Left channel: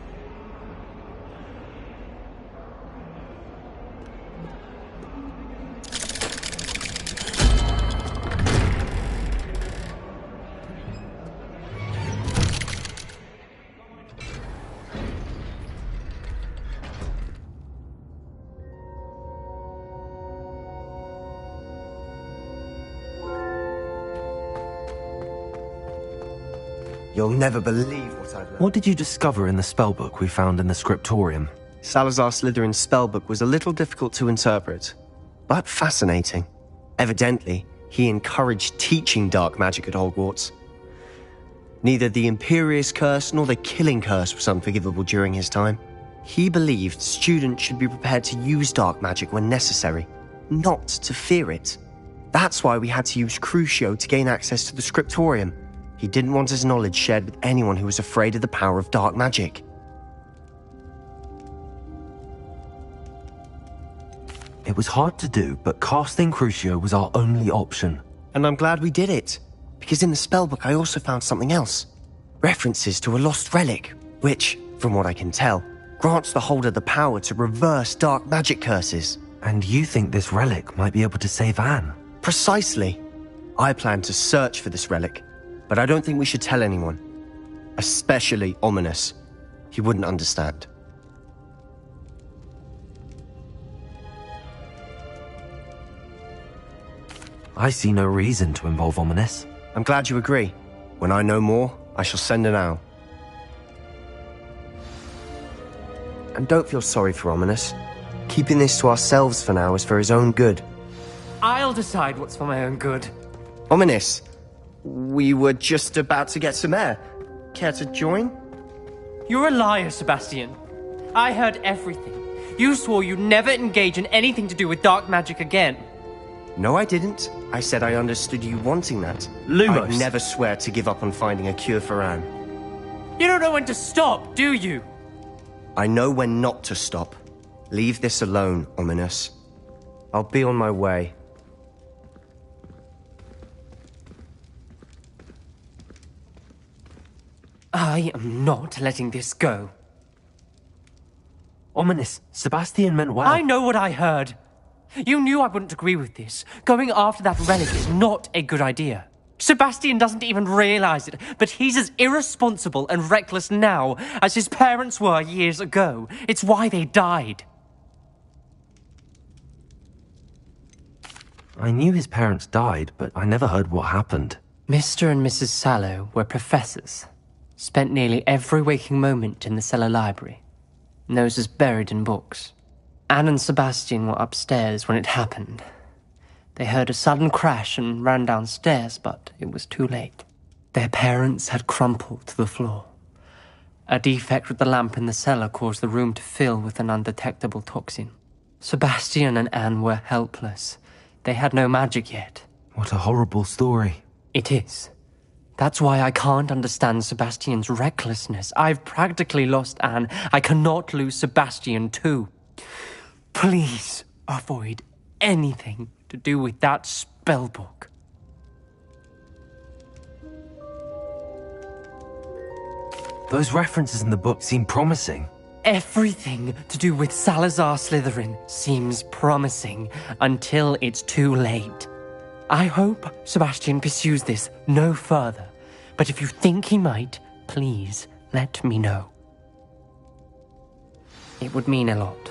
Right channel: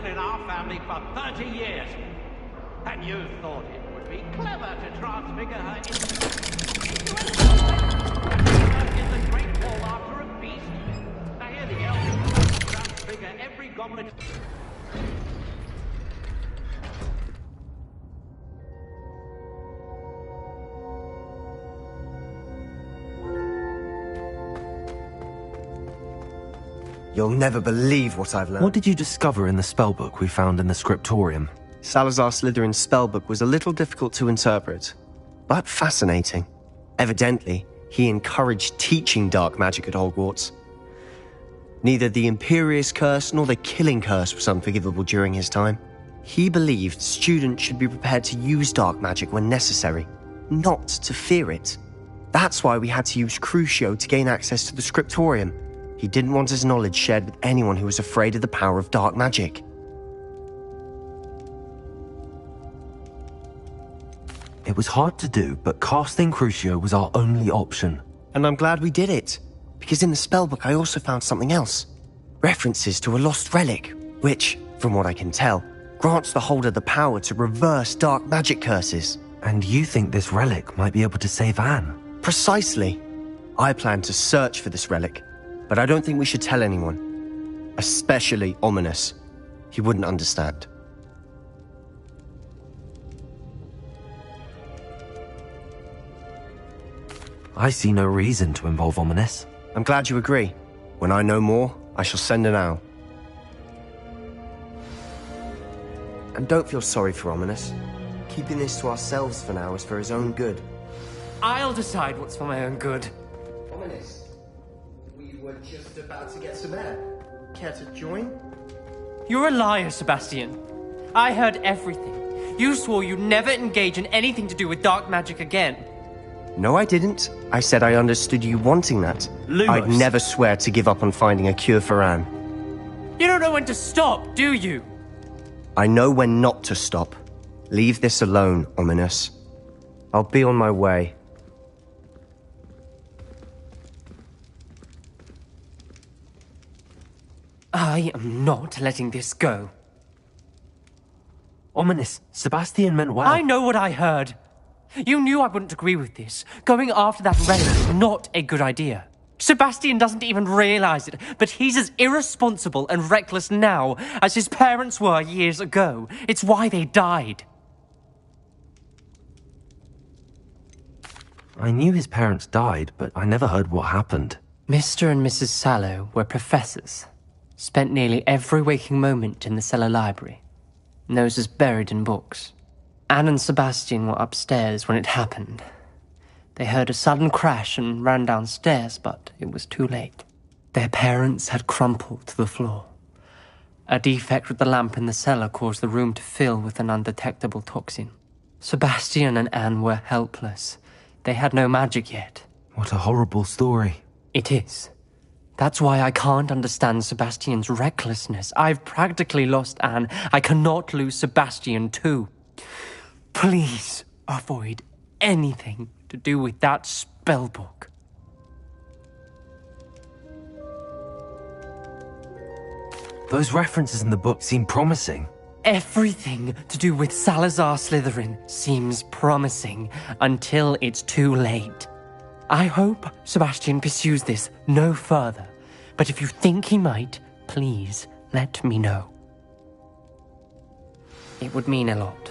been in our family for 30 years. And you thought it would be clever to transfigure her into the Great Hall after a beast. Now here the elves transfigure every goblet. You'll never believe what I've learned. What did you discover in the spellbook we found in the scriptorium? Salazar Slytherin's spellbook was a little difficult to interpret, but fascinating. Evidently, he encouraged teaching dark magic at Hogwarts. Neither the Imperious Curse nor the Killing Curse was unforgivable during his time. He believed students should be prepared to use dark magic when necessary, not to fear it. That's why we had to use Crucio to gain access to the scriptorium. He didn't want his knowledge shared with anyone who was afraid of the power of dark magic. It was hard to do, but casting Crucio was our only option. And I'm glad we did it, because in the spellbook I also found something else. References to a lost relic, which, from what I can tell, grants the holder the power to reverse dark magic curses. And you think this relic might be able to save Anne? Precisely. I plan to search for this relic, but I don't think we should tell anyone. Especially Ominous. He wouldn't understand. I see no reason to involve Ominous. I'm glad you agree. When I know more, I shall send an owl. And don't feel sorry for Ominous. Keeping this to ourselves for now is for his own good. I'll decide what's for my own good. Ominous, we were just about to get some air. Care to join? You're a liar, Sebastian. I heard everything. You swore you'd never engage in anything to do with dark magic again. No, I didn't. I said I understood you wanting that. Lumos. I'd never swear to give up on finding a cure for Anne. You don't know when to stop, do you? I know when not to stop. Leave this alone, Ominous. I'll be on my way. I am not letting this go. Ominous, Sebastian meant well. I know what I heard. You knew I wouldn't agree with this. Going after that relic is not a good idea. Sebastian doesn't even realize it, but he's as irresponsible and reckless now as his parents were years ago. It's why they died. I knew his parents died, but I never heard what happened. Mr. and Mrs. Sallow were professors. Spent nearly every waking moment in the cellar library. Noses buried in books. Anne and Sebastian were upstairs when it happened. They heard a sudden crash and ran downstairs, but it was too late. Their parents had crumpled to the floor. A defect with the lamp in the cellar caused the room to fill with an undetectable toxin. Sebastian and Anne were helpless. They had no magic yet. What a horrible story. It is. That's why I can't understand Sebastian's recklessness. I've practically lost Anne. I cannot lose Sebastian too. Please avoid anything to do with that spellbook. Those references in the book seem promising. Everything to do with Salazar Slytherin seems promising until it's too late. I hope Sebastian pursues this no further, but if you think he might, please let me know. It would mean a lot.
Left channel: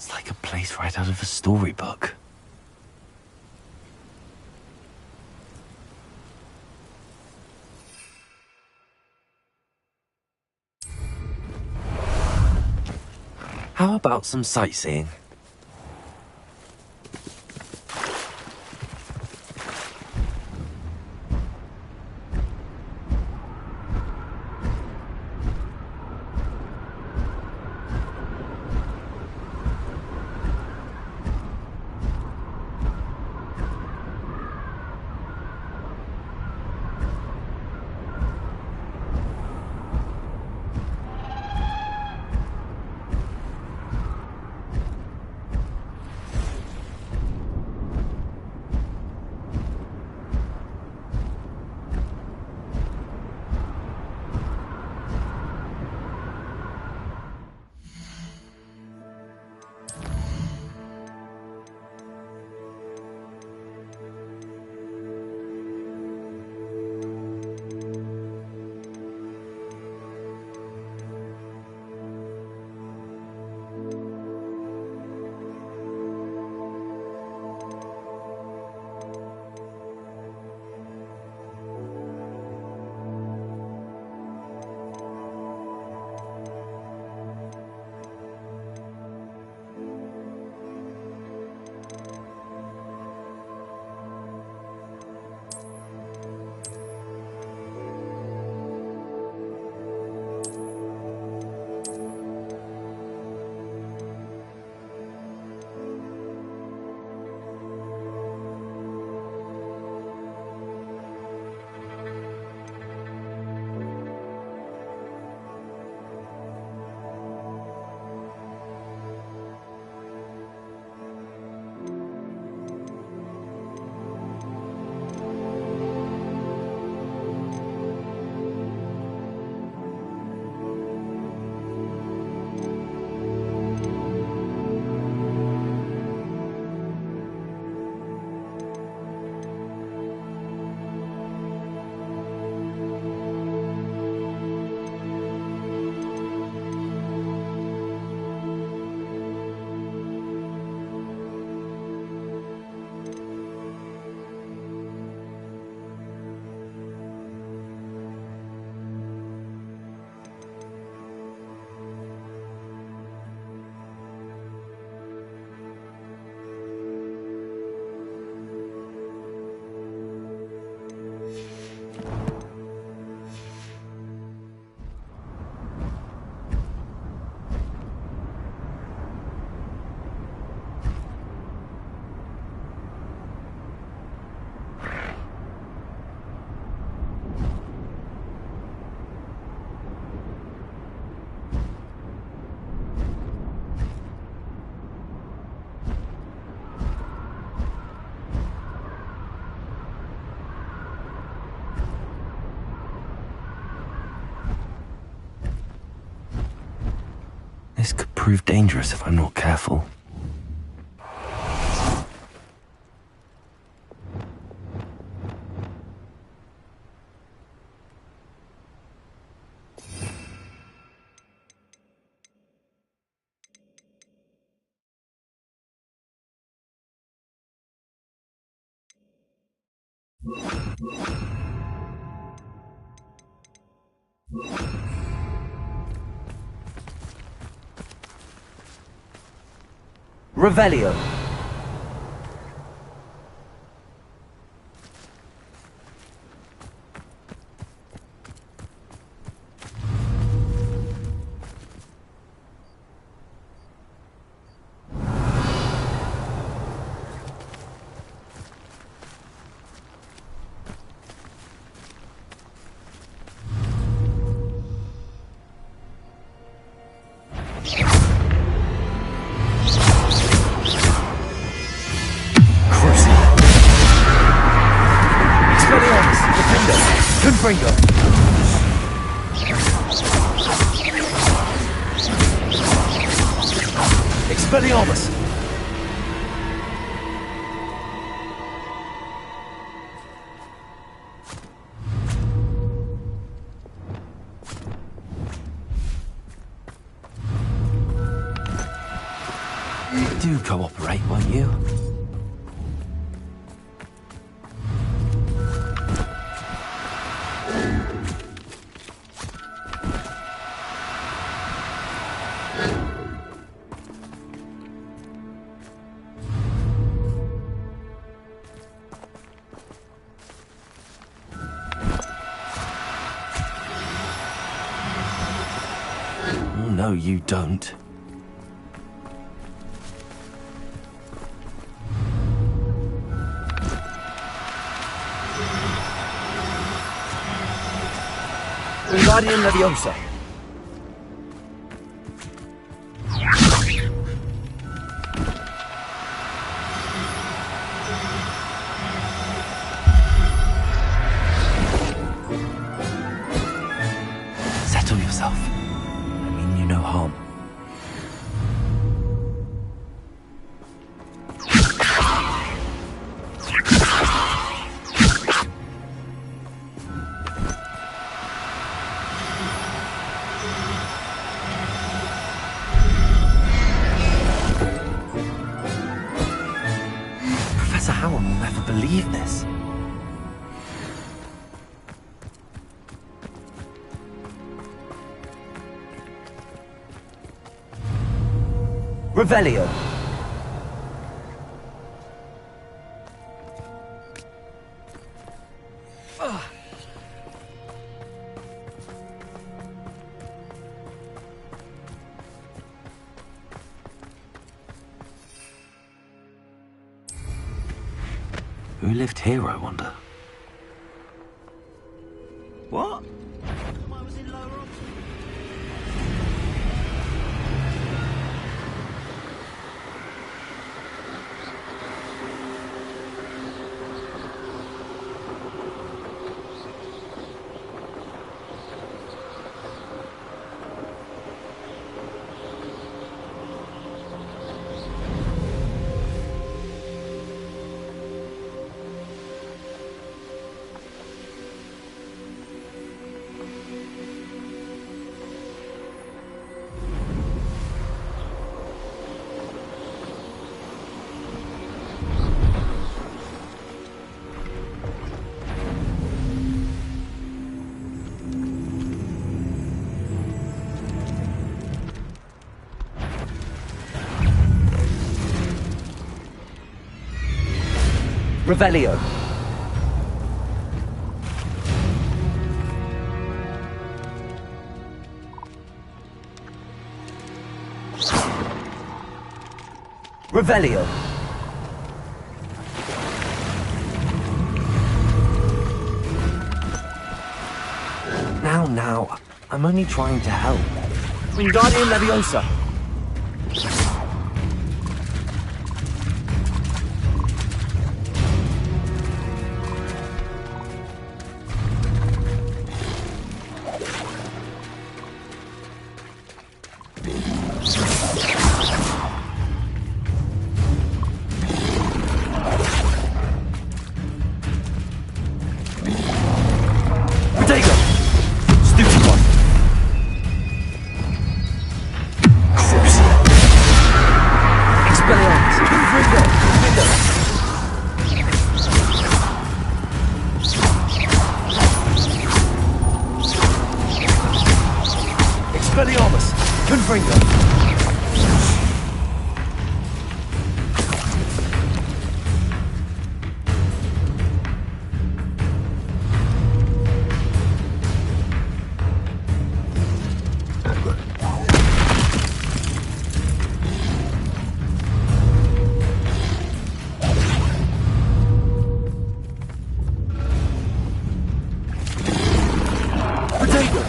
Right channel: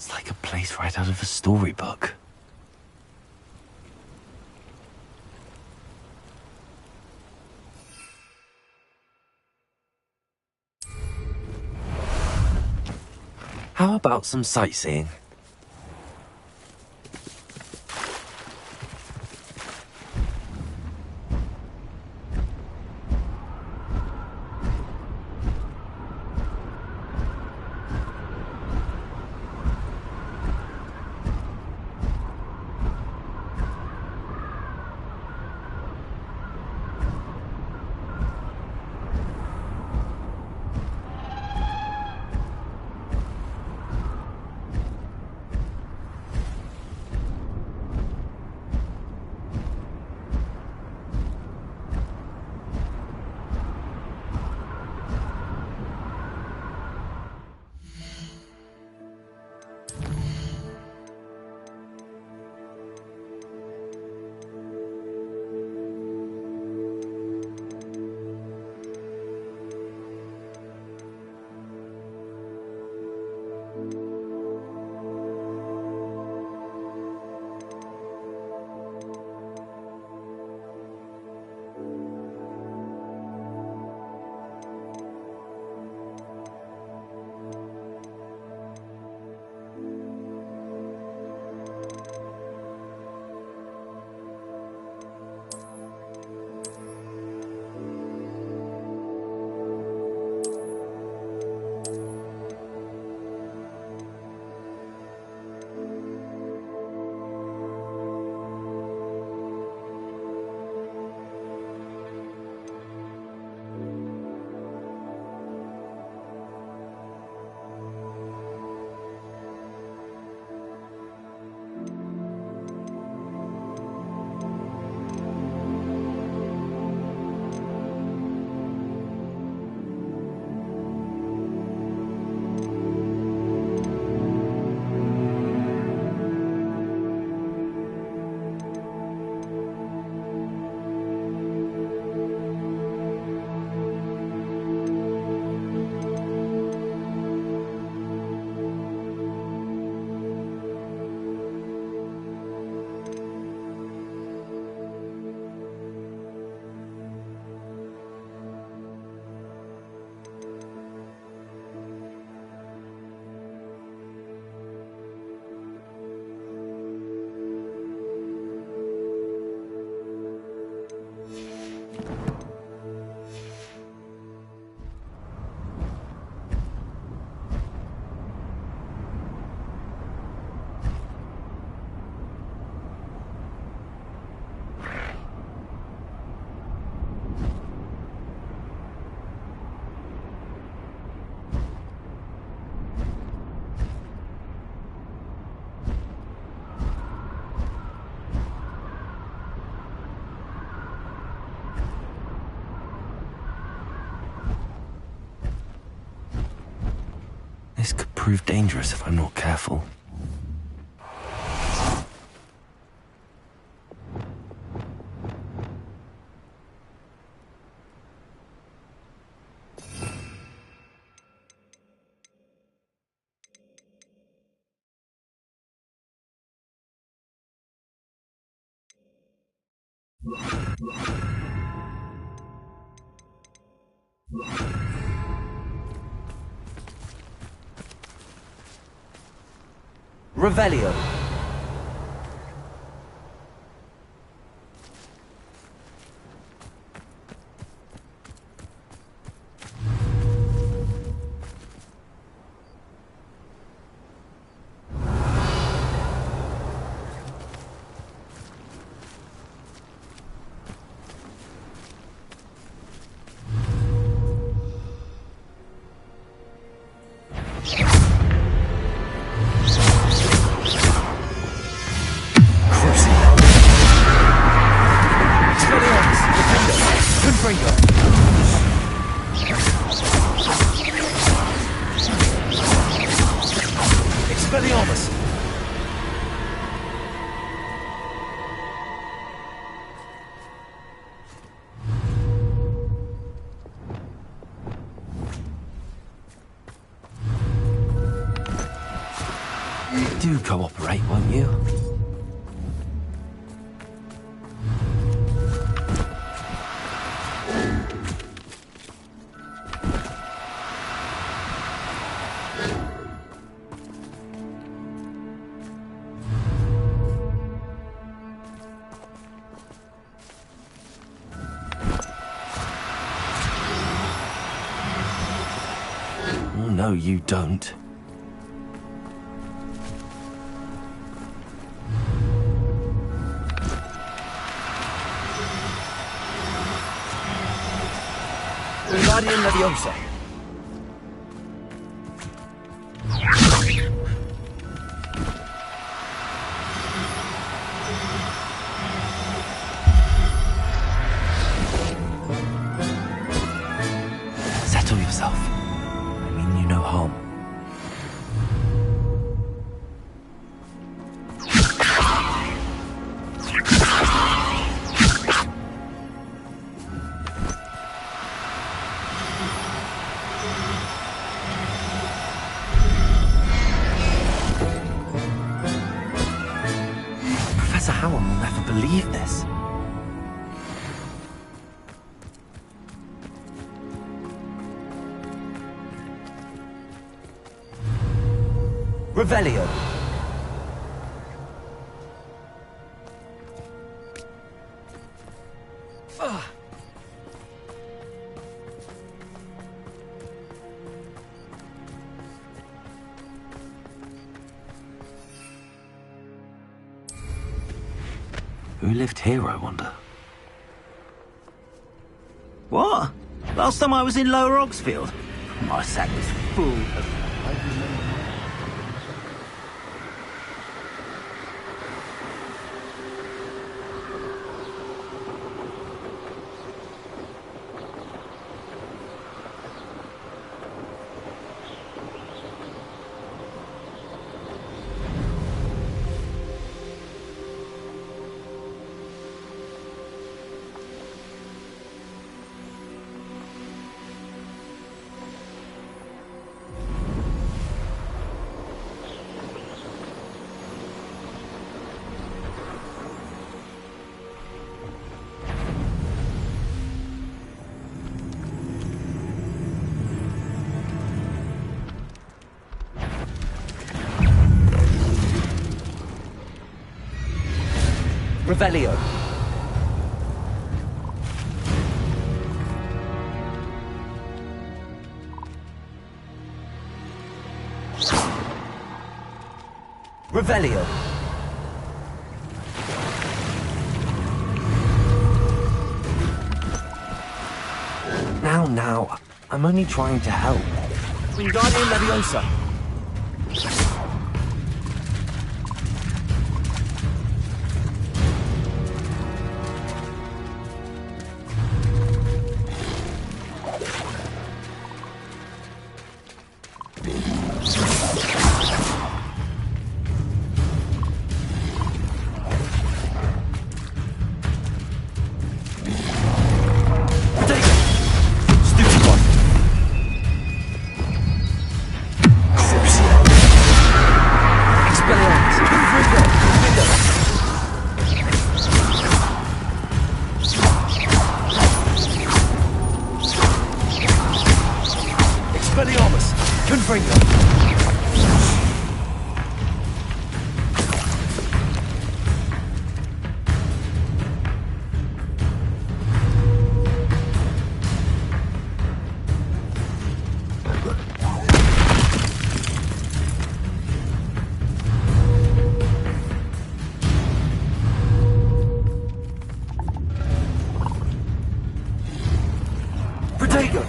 It's like a place right out of a storybook. How about some sightseeing? This could prove dangerous if I'm not careful. Revelio. Expelliarmus! Do cooperate, won't you? No, you don't. Wingardium Leviosa. Settle yourself. I mean you no harm. Professor Howell will never believe this. Revelio. Who lived here, I wonder? What? Last time I was in Lower Oxfield, my sack was full. Revelio. Revelio. Now, I'm only trying to help. Wingardium Leviosa. Expelliarmus! Confringo! Protego!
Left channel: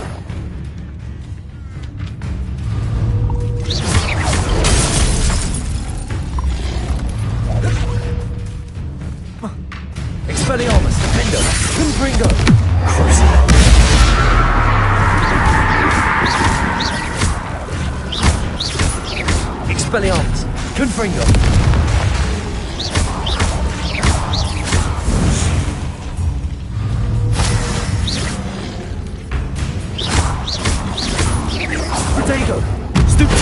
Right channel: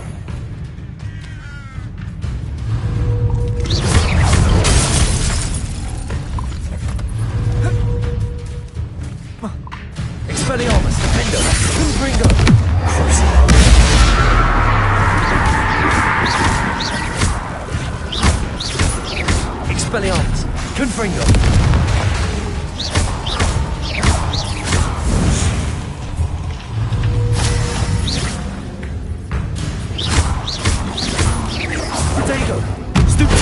Expelliarmus! Defendo! Confringo! Expelliarmus! Confringo! Protego! Stupid!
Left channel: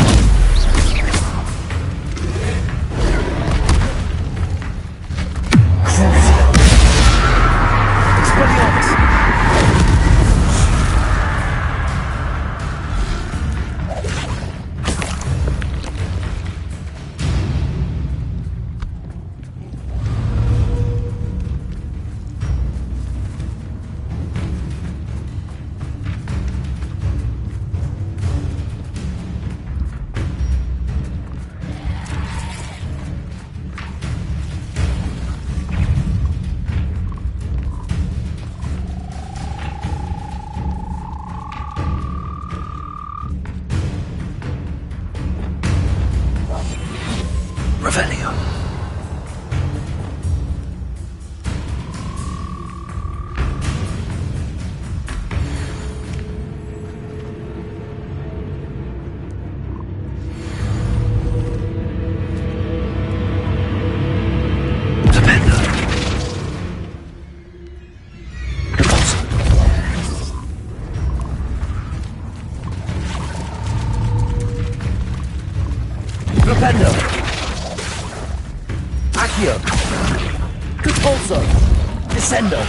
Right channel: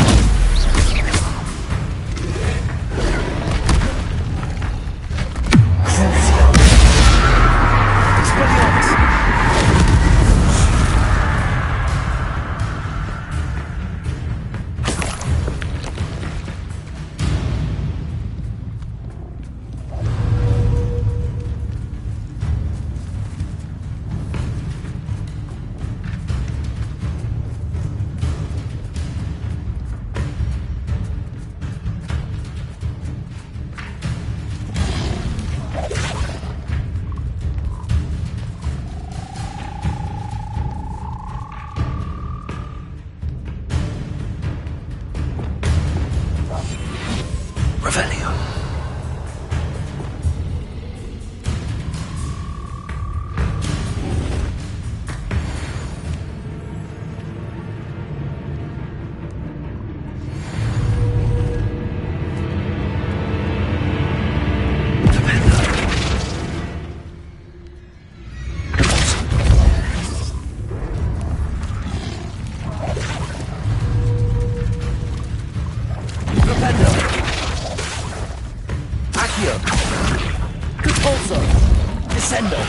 Incendio!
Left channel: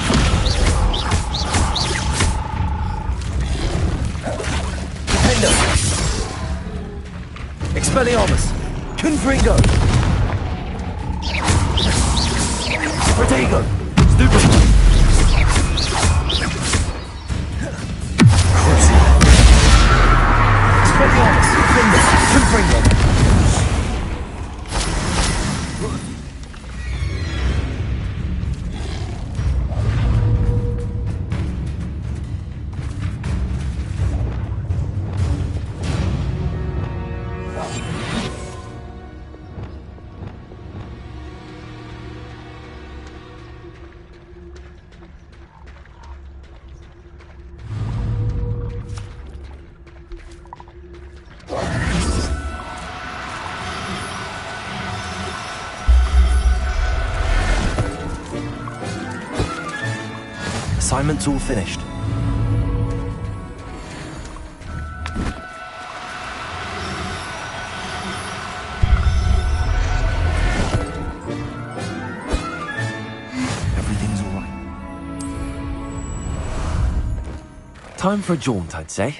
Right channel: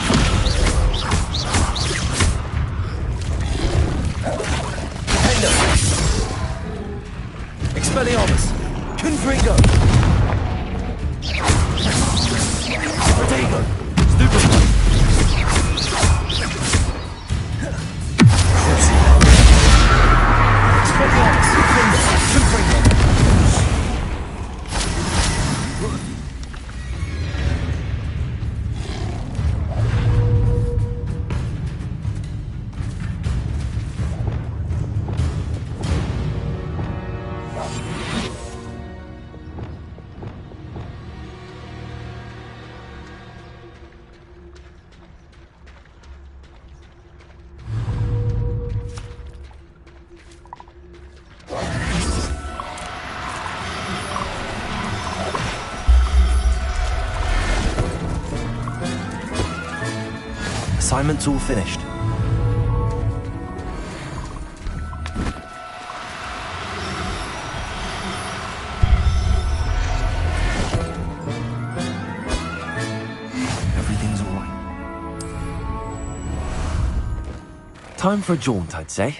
Defendo! Expelliarmus! Confringo! Protego! Stupefy! Expelliarmus! Confringo! Assignment's all finished. Everything's all right. Time for a jaunt, I'd say.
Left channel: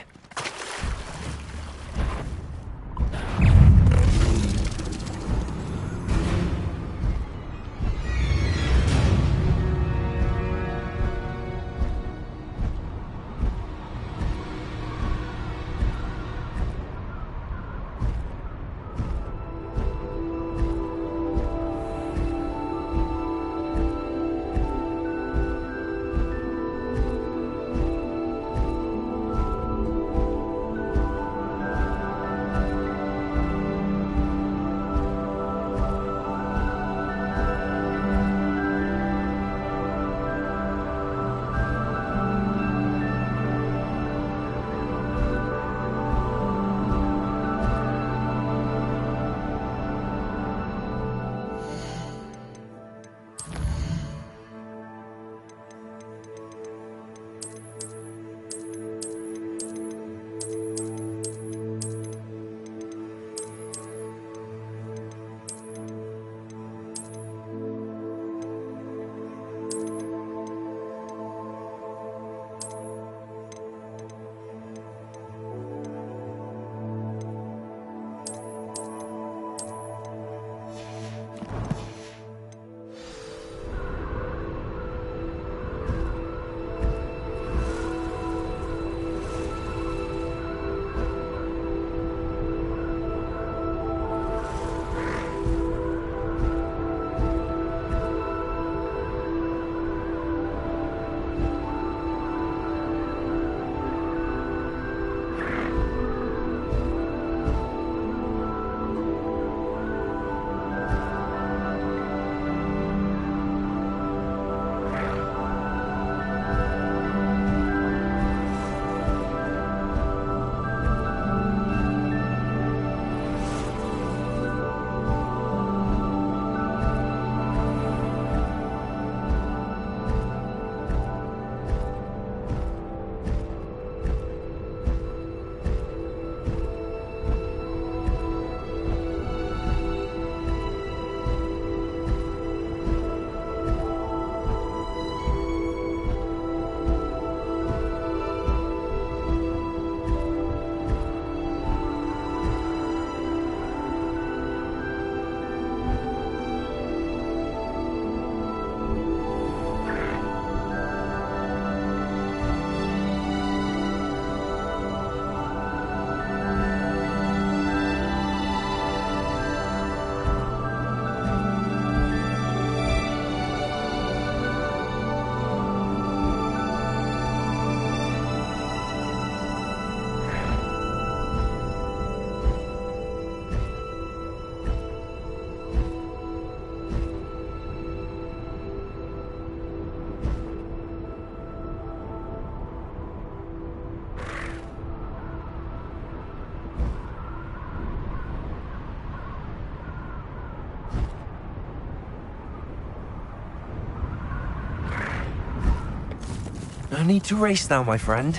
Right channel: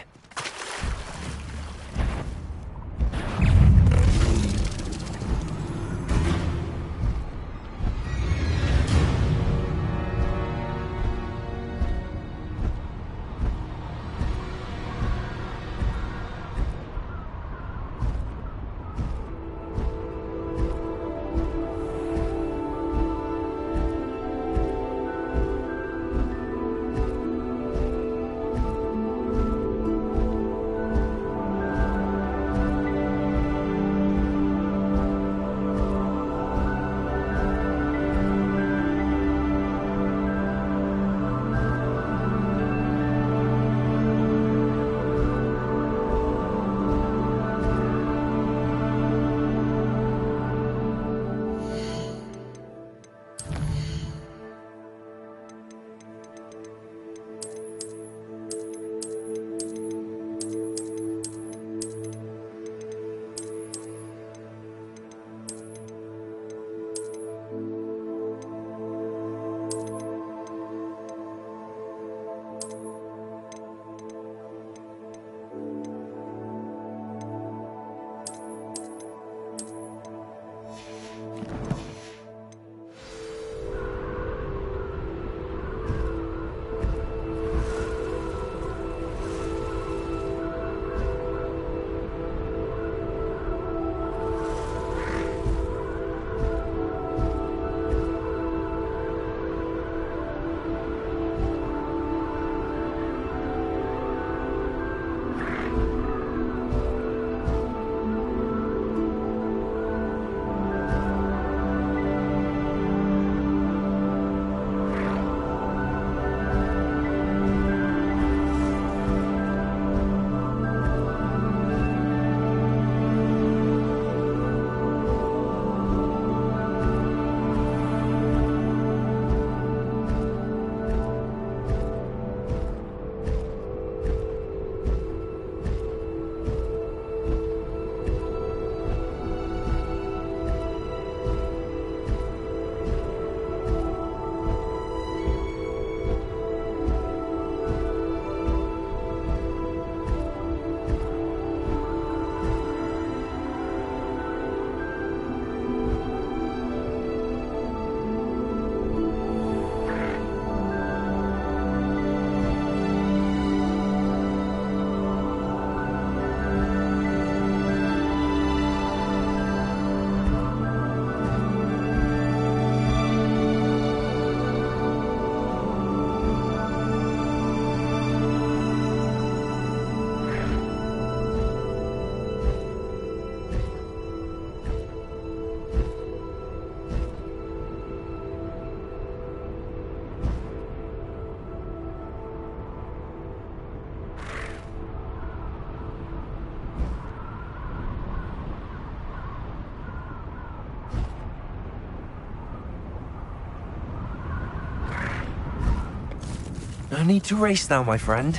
No need to race now, my friend.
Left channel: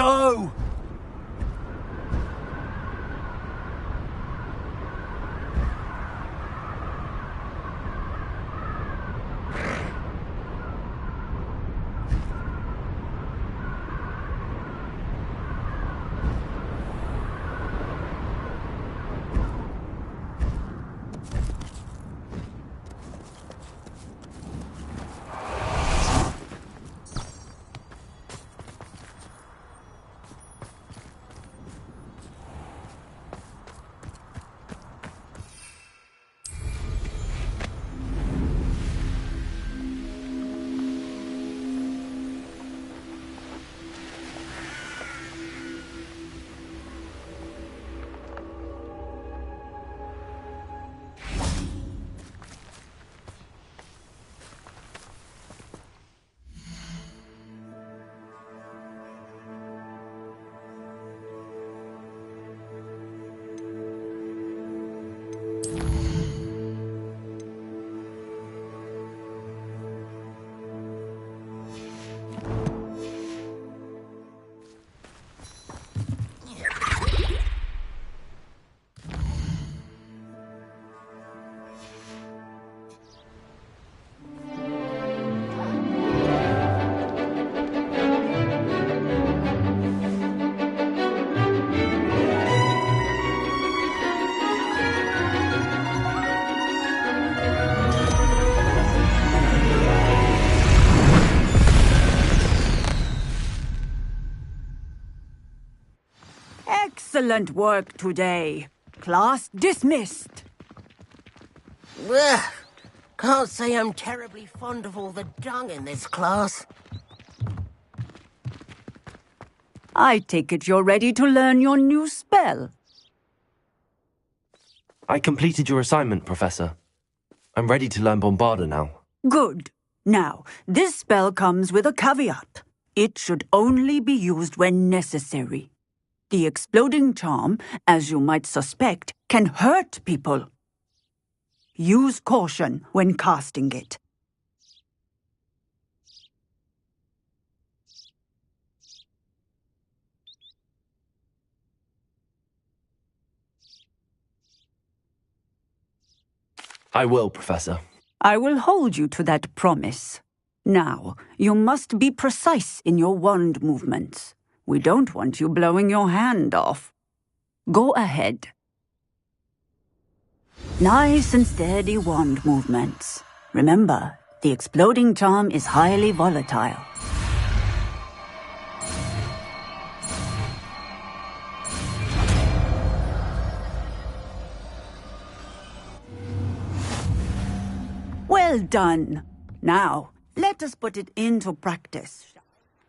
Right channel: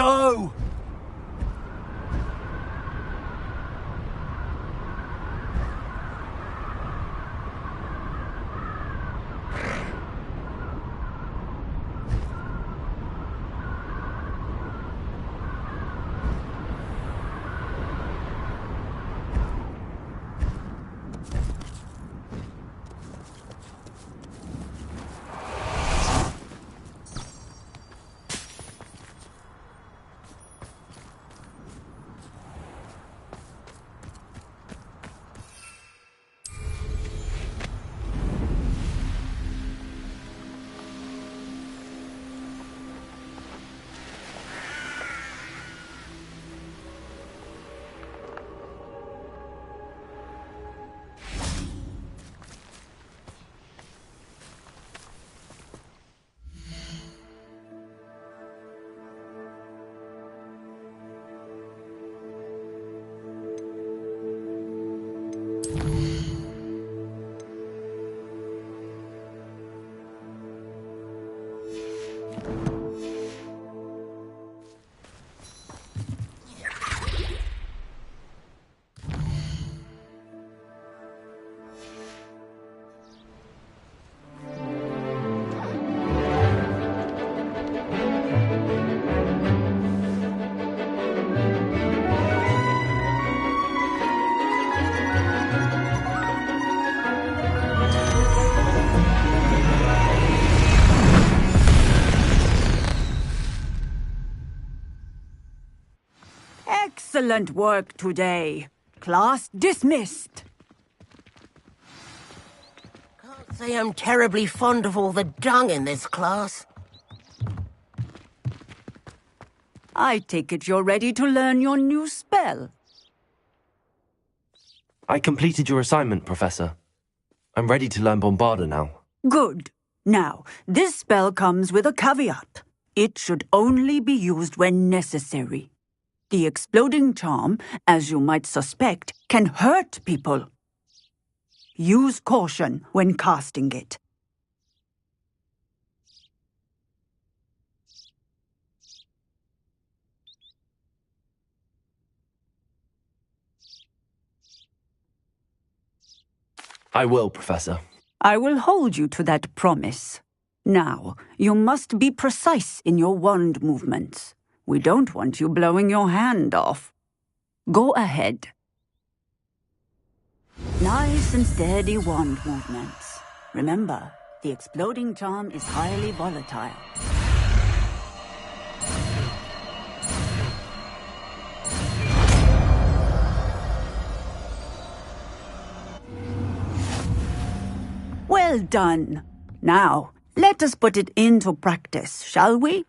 go! Excellent work today. Class dismissed. Ugh. Can't say I'm terribly fond of all the dung in this class. I take it you're ready to learn your new spell. I completed your assignment, Professor. I'm ready to learn Bombarda now. Good. Now, this spell comes with a caveat. It should only be used when necessary. The exploding charm, as you might suspect, can hurt people. Use caution when casting it. I will, Professor. I will hold you to that promise. Now, you must be precise in your wand movements. We don't want you blowing your hand off. Go ahead. Nice and steady wand movements. Remember, the exploding charm is highly volatile. Well done. Now, let us put it into practice, shall we?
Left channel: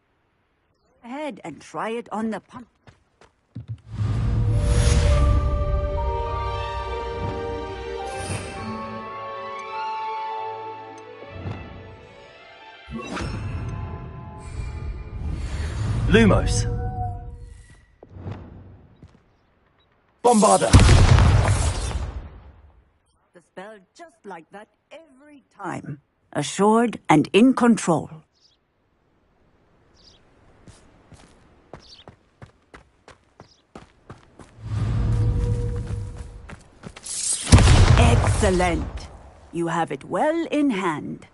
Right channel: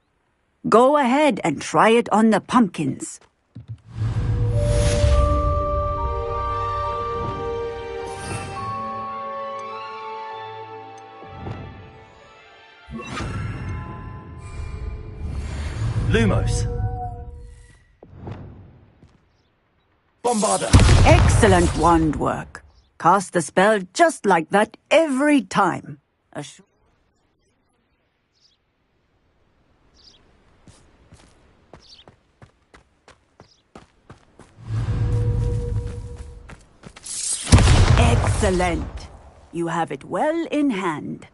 Go ahead and try it on the pumpkins. Lumos. Bombarda. Excellent wand work. Cast the spell just like that every time. Assured and in control. Excellent. You have it well in hand.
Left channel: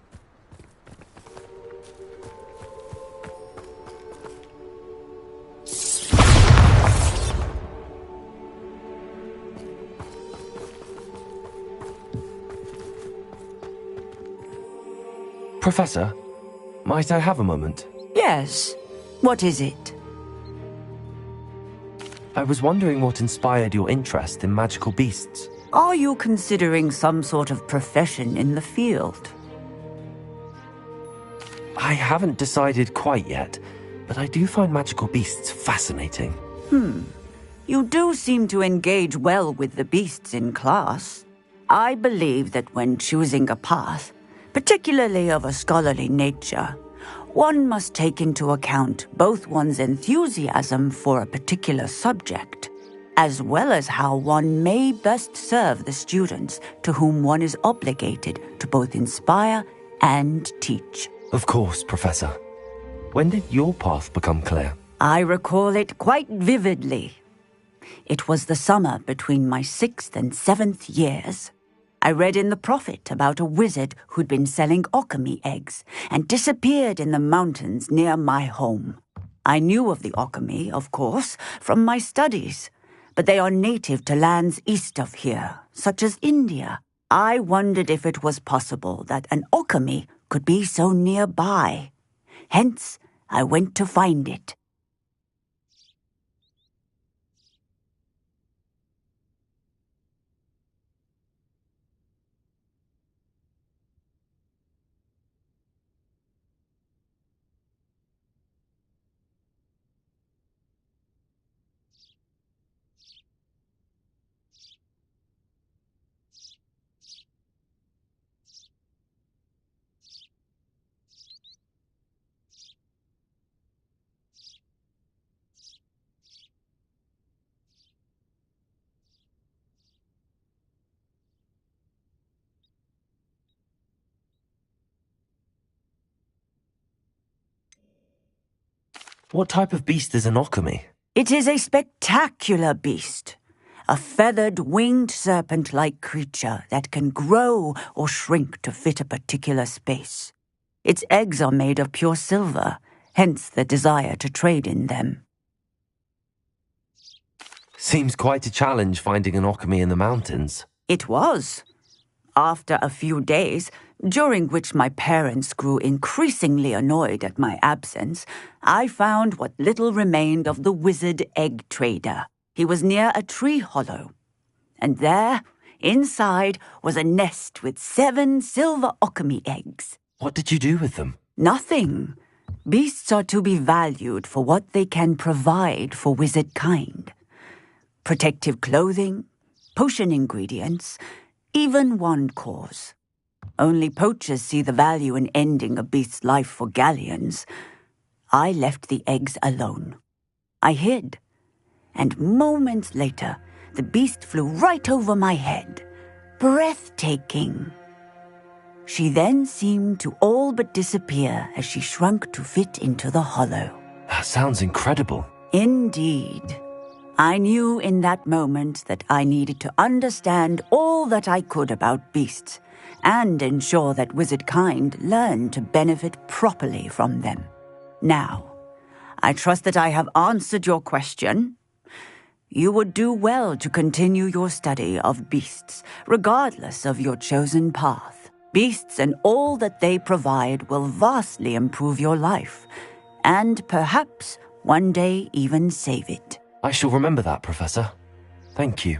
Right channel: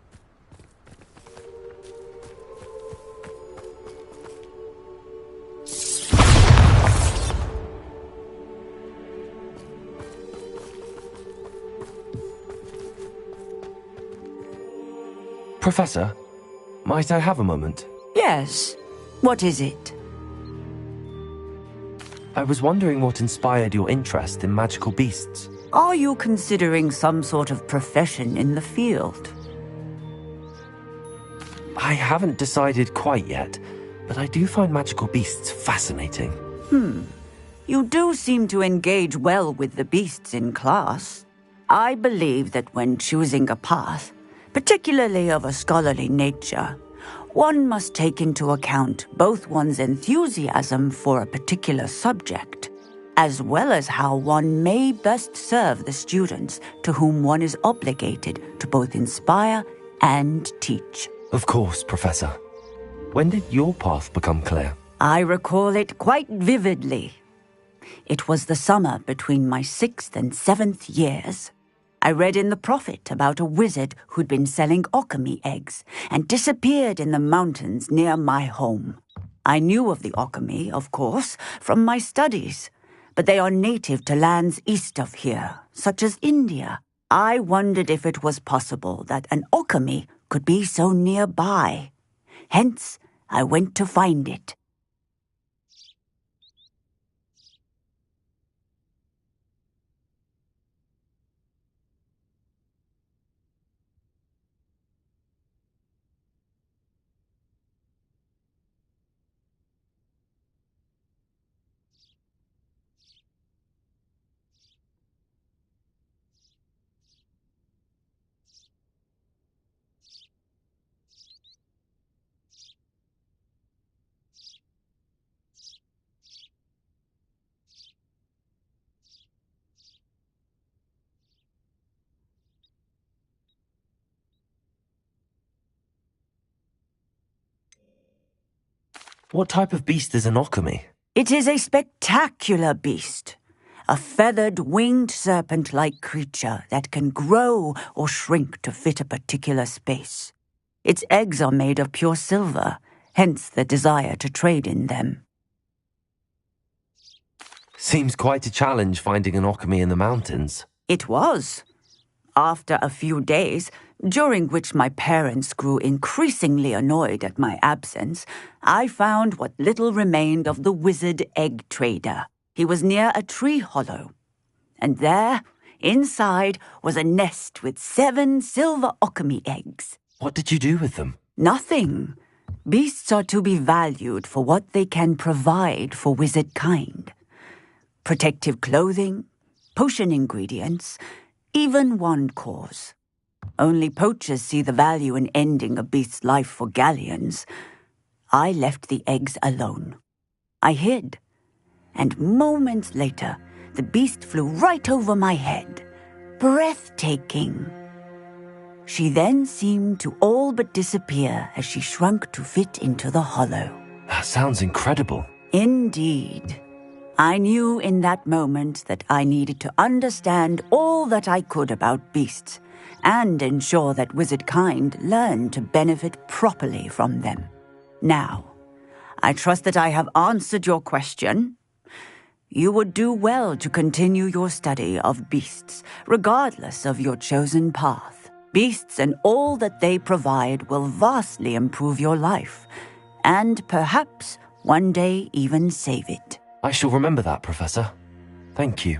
Professor, might I have a moment? Yes. What is it? I was wondering what inspired your interest in magical beasts. Are you considering some sort of profession in the field? I haven't decided quite yet, but I do find magical beasts fascinating. You do seem to engage well with the beasts in class. I believe that when choosing a path, particularly of a scholarly nature, one must take into account both one's enthusiasm for a particular subject, as well as how one may best serve the students to whom one is obligated to both inspire and teach. Of course, Professor. When did your path become clear? I recall it quite vividly. It was the summer between my 6th and 7th years. I read in the Prophet about a wizard who'd been selling okami eggs and disappeared in the mountains near my home. I knew of the okami, of course, from my studies, but they are native to lands east of here, such as India. I wondered if it was possible that an okami could be so nearby. Hence, I went to find it. What type of beast is an okami? It is a spectacular beast. A feathered, winged serpent-like creature that can grow or shrink to fit a particular space. Its eggs are made of pure silver, hence the desire to trade in them. Seems quite a challenge finding an okami in the mountains. It was. After a few days, during which my parents grew increasingly annoyed at my absence, I found what little remained of the wizard egg trader. He was near a tree hollow. And there, inside, was a nest with 7 silver okami eggs. What did you do with them? Nothing. Beasts are to be valued for what they can provide for wizard kind. Protective clothing, potion ingredients, even wand cores. Only poachers see the value in ending a beast's life for galleons. I left the eggs alone. I hid, and moments later, the beast flew right over my head. Breathtaking. She then seemed to all but disappear as she shrunk to fit into the hollow. That sounds incredible. Indeed. I knew in that moment that I needed to understand all that I could about beasts and ensure that wizard kind learned to benefit properly from them. Now, I trust that I have answered your question. You would do well to continue your study of beasts, regardless of your chosen path. Beasts and all that they provide will vastly improve your life, and perhaps one day even save it. I shall remember that, Professor. Thank you.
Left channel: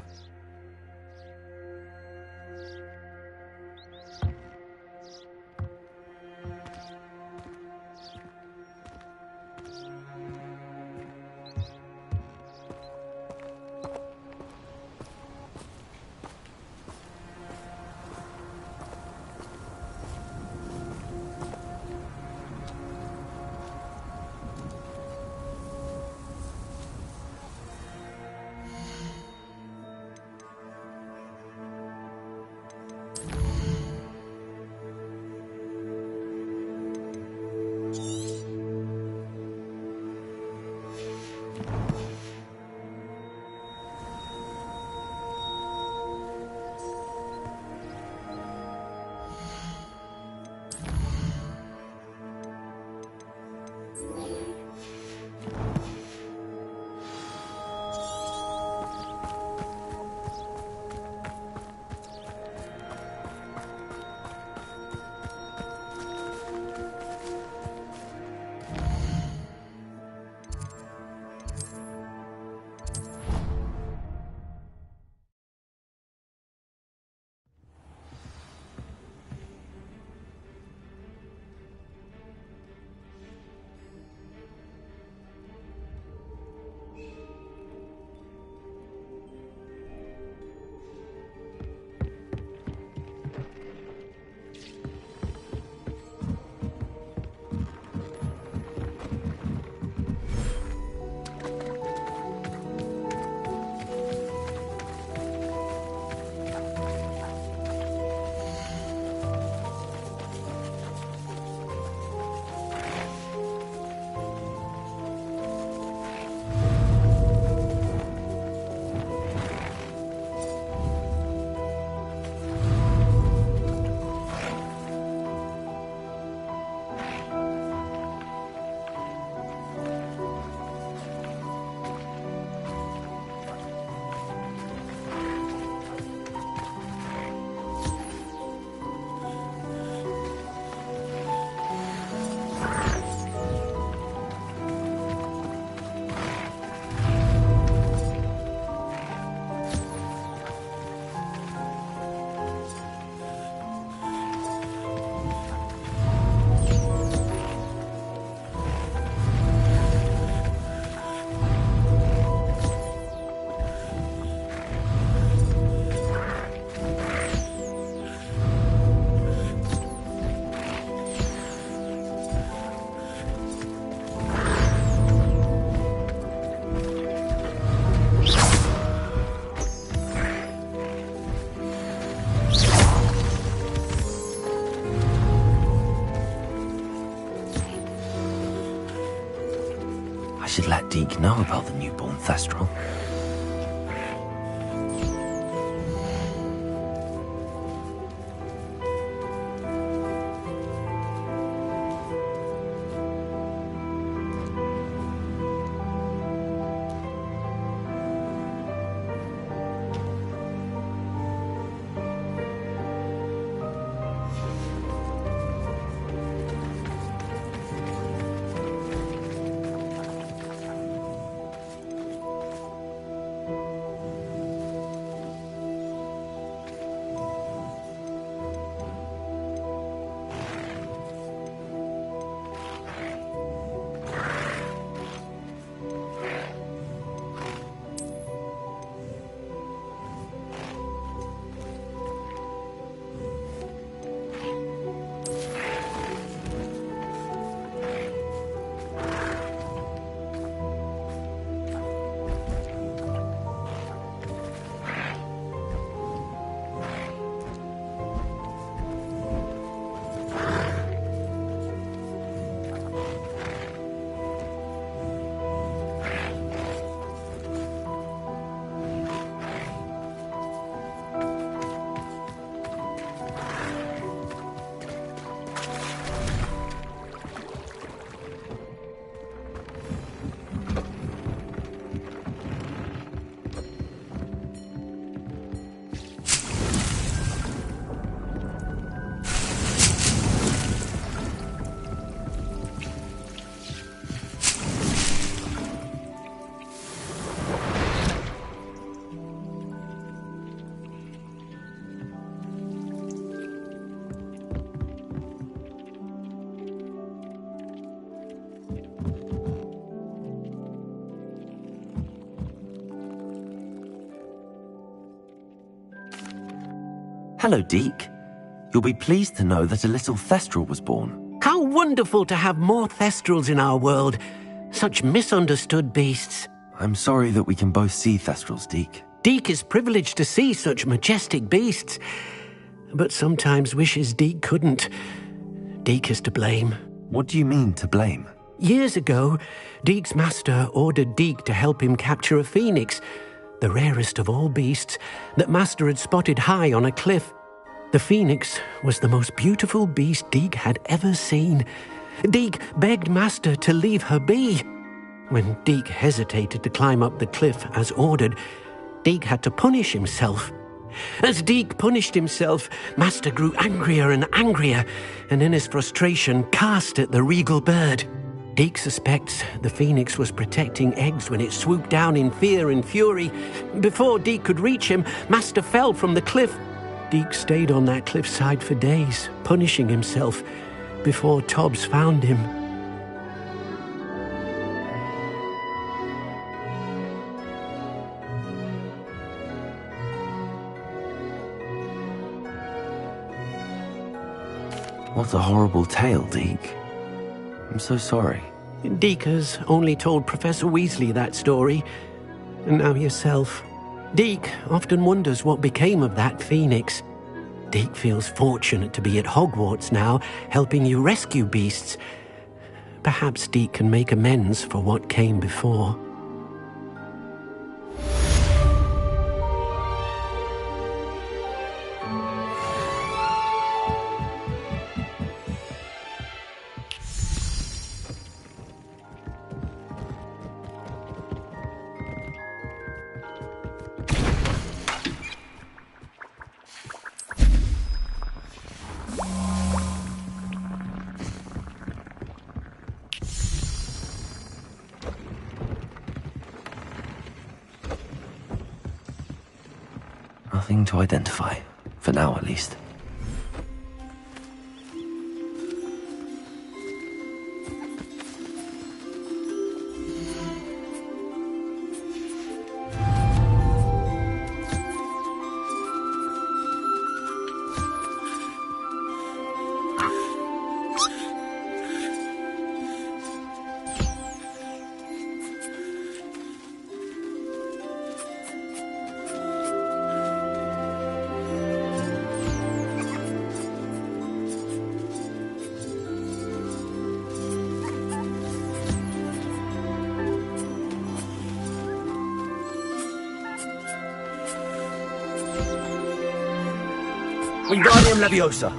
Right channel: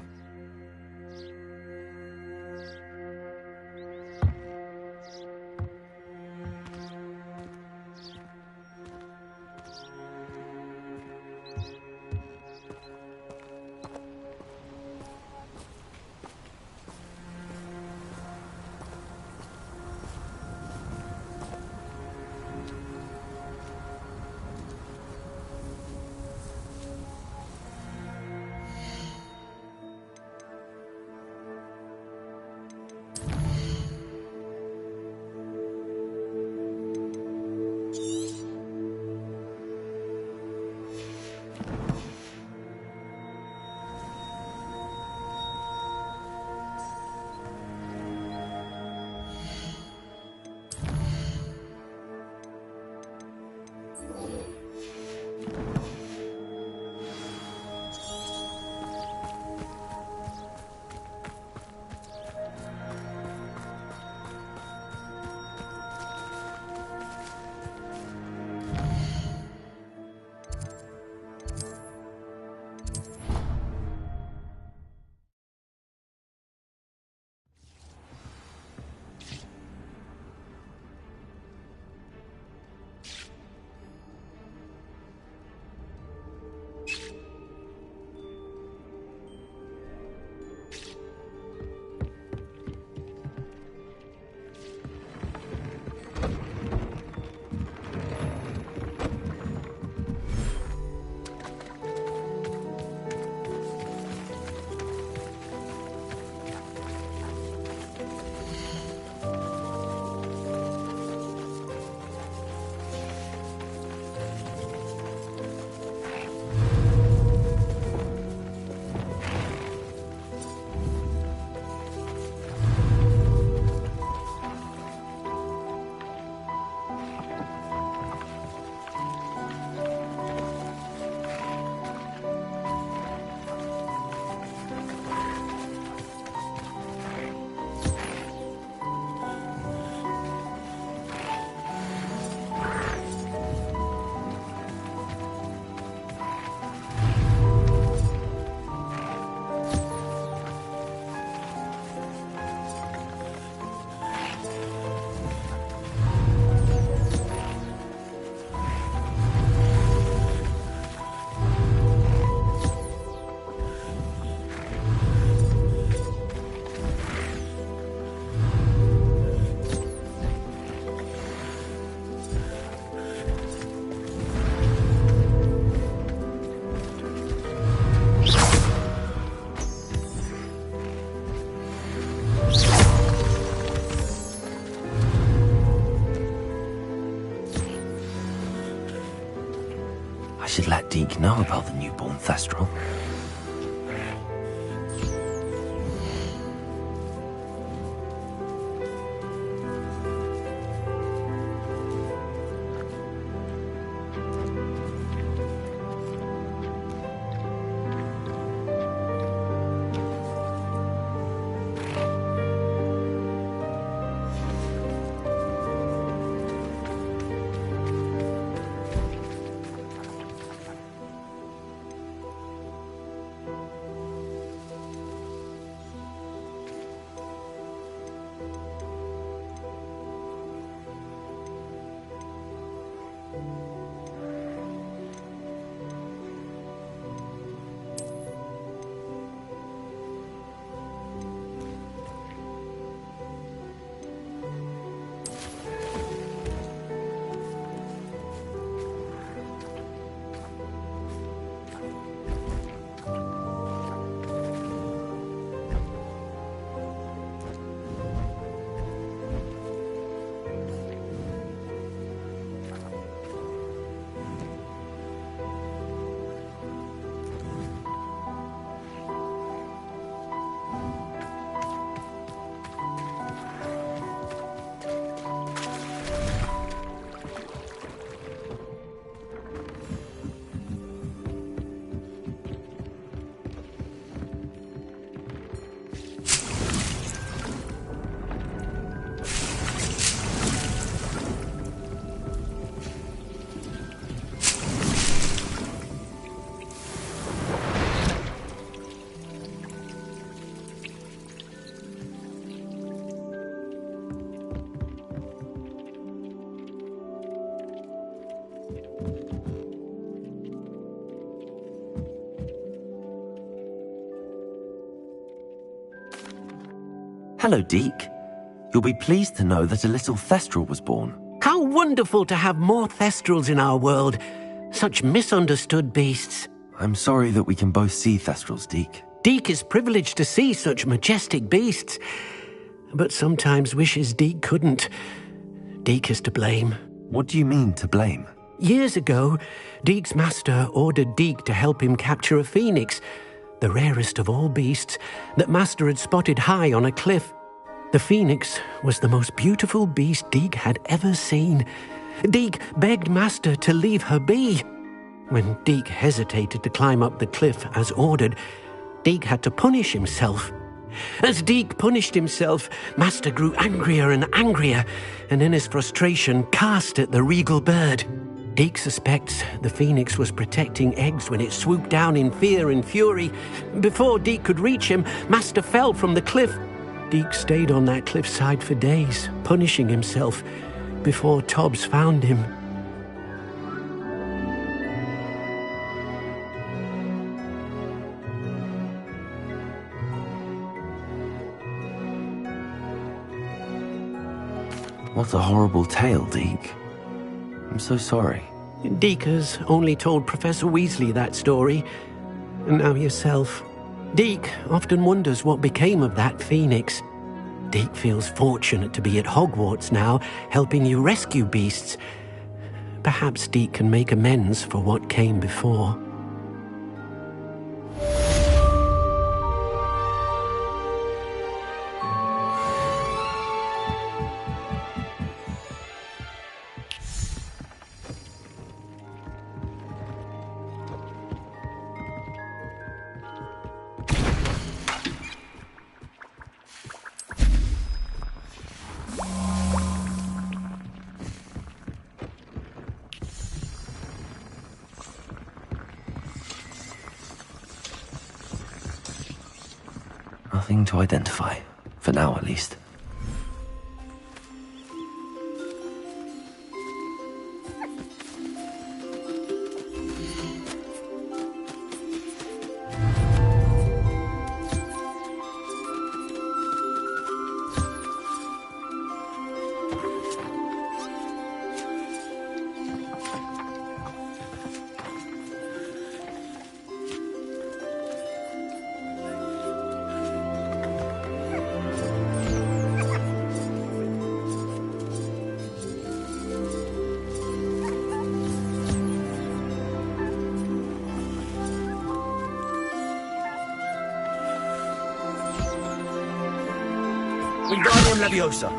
should let Deke know about the newborn Thestral. Hello, Deke. You'll be pleased to know that a little Thestral was born. How wonderful to have more Thestrals in our world. Such misunderstood beasts. I'm sorry that we can both see Thestrals, Deke. Deke is privileged to see such majestic beasts, but sometimes wishes Deke couldn't. Deke is to blame. What do you mean, to blame? Years ago, Deke's master ordered Deke to help him capture a phoenix, the rarest of all beasts, that master had spotted high on a cliff. The phoenix was the most beautiful beast Deke had ever seen. Deke begged master to leave her be. When Deke hesitated to climb up the cliff as ordered, Deke had to punish himself. As Deke punished himself, master grew angrier and angrier, and in his frustration cast at the regal bird. Deke suspects the phoenix was protecting eggs when it swooped down in fear and fury. Before Deke could reach him, master fell from the cliff. Deke stayed on that cliffside for days, punishing himself, before Tobbs found him. What a horrible tale, Deke. I'm so sorry. Deke has only told Professor Weasley that story, and now yourself. Deke often wonders what became of that phoenix. Deke feels fortunate to be at Hogwarts now, helping you rescue beasts. Perhaps Deke can make amends for what came before. Nothing to identify, for now at least. Wingardium Leviosa.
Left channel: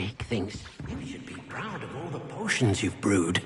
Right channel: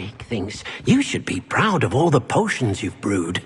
Deek thinks you should be proud of all the potions you've brewed.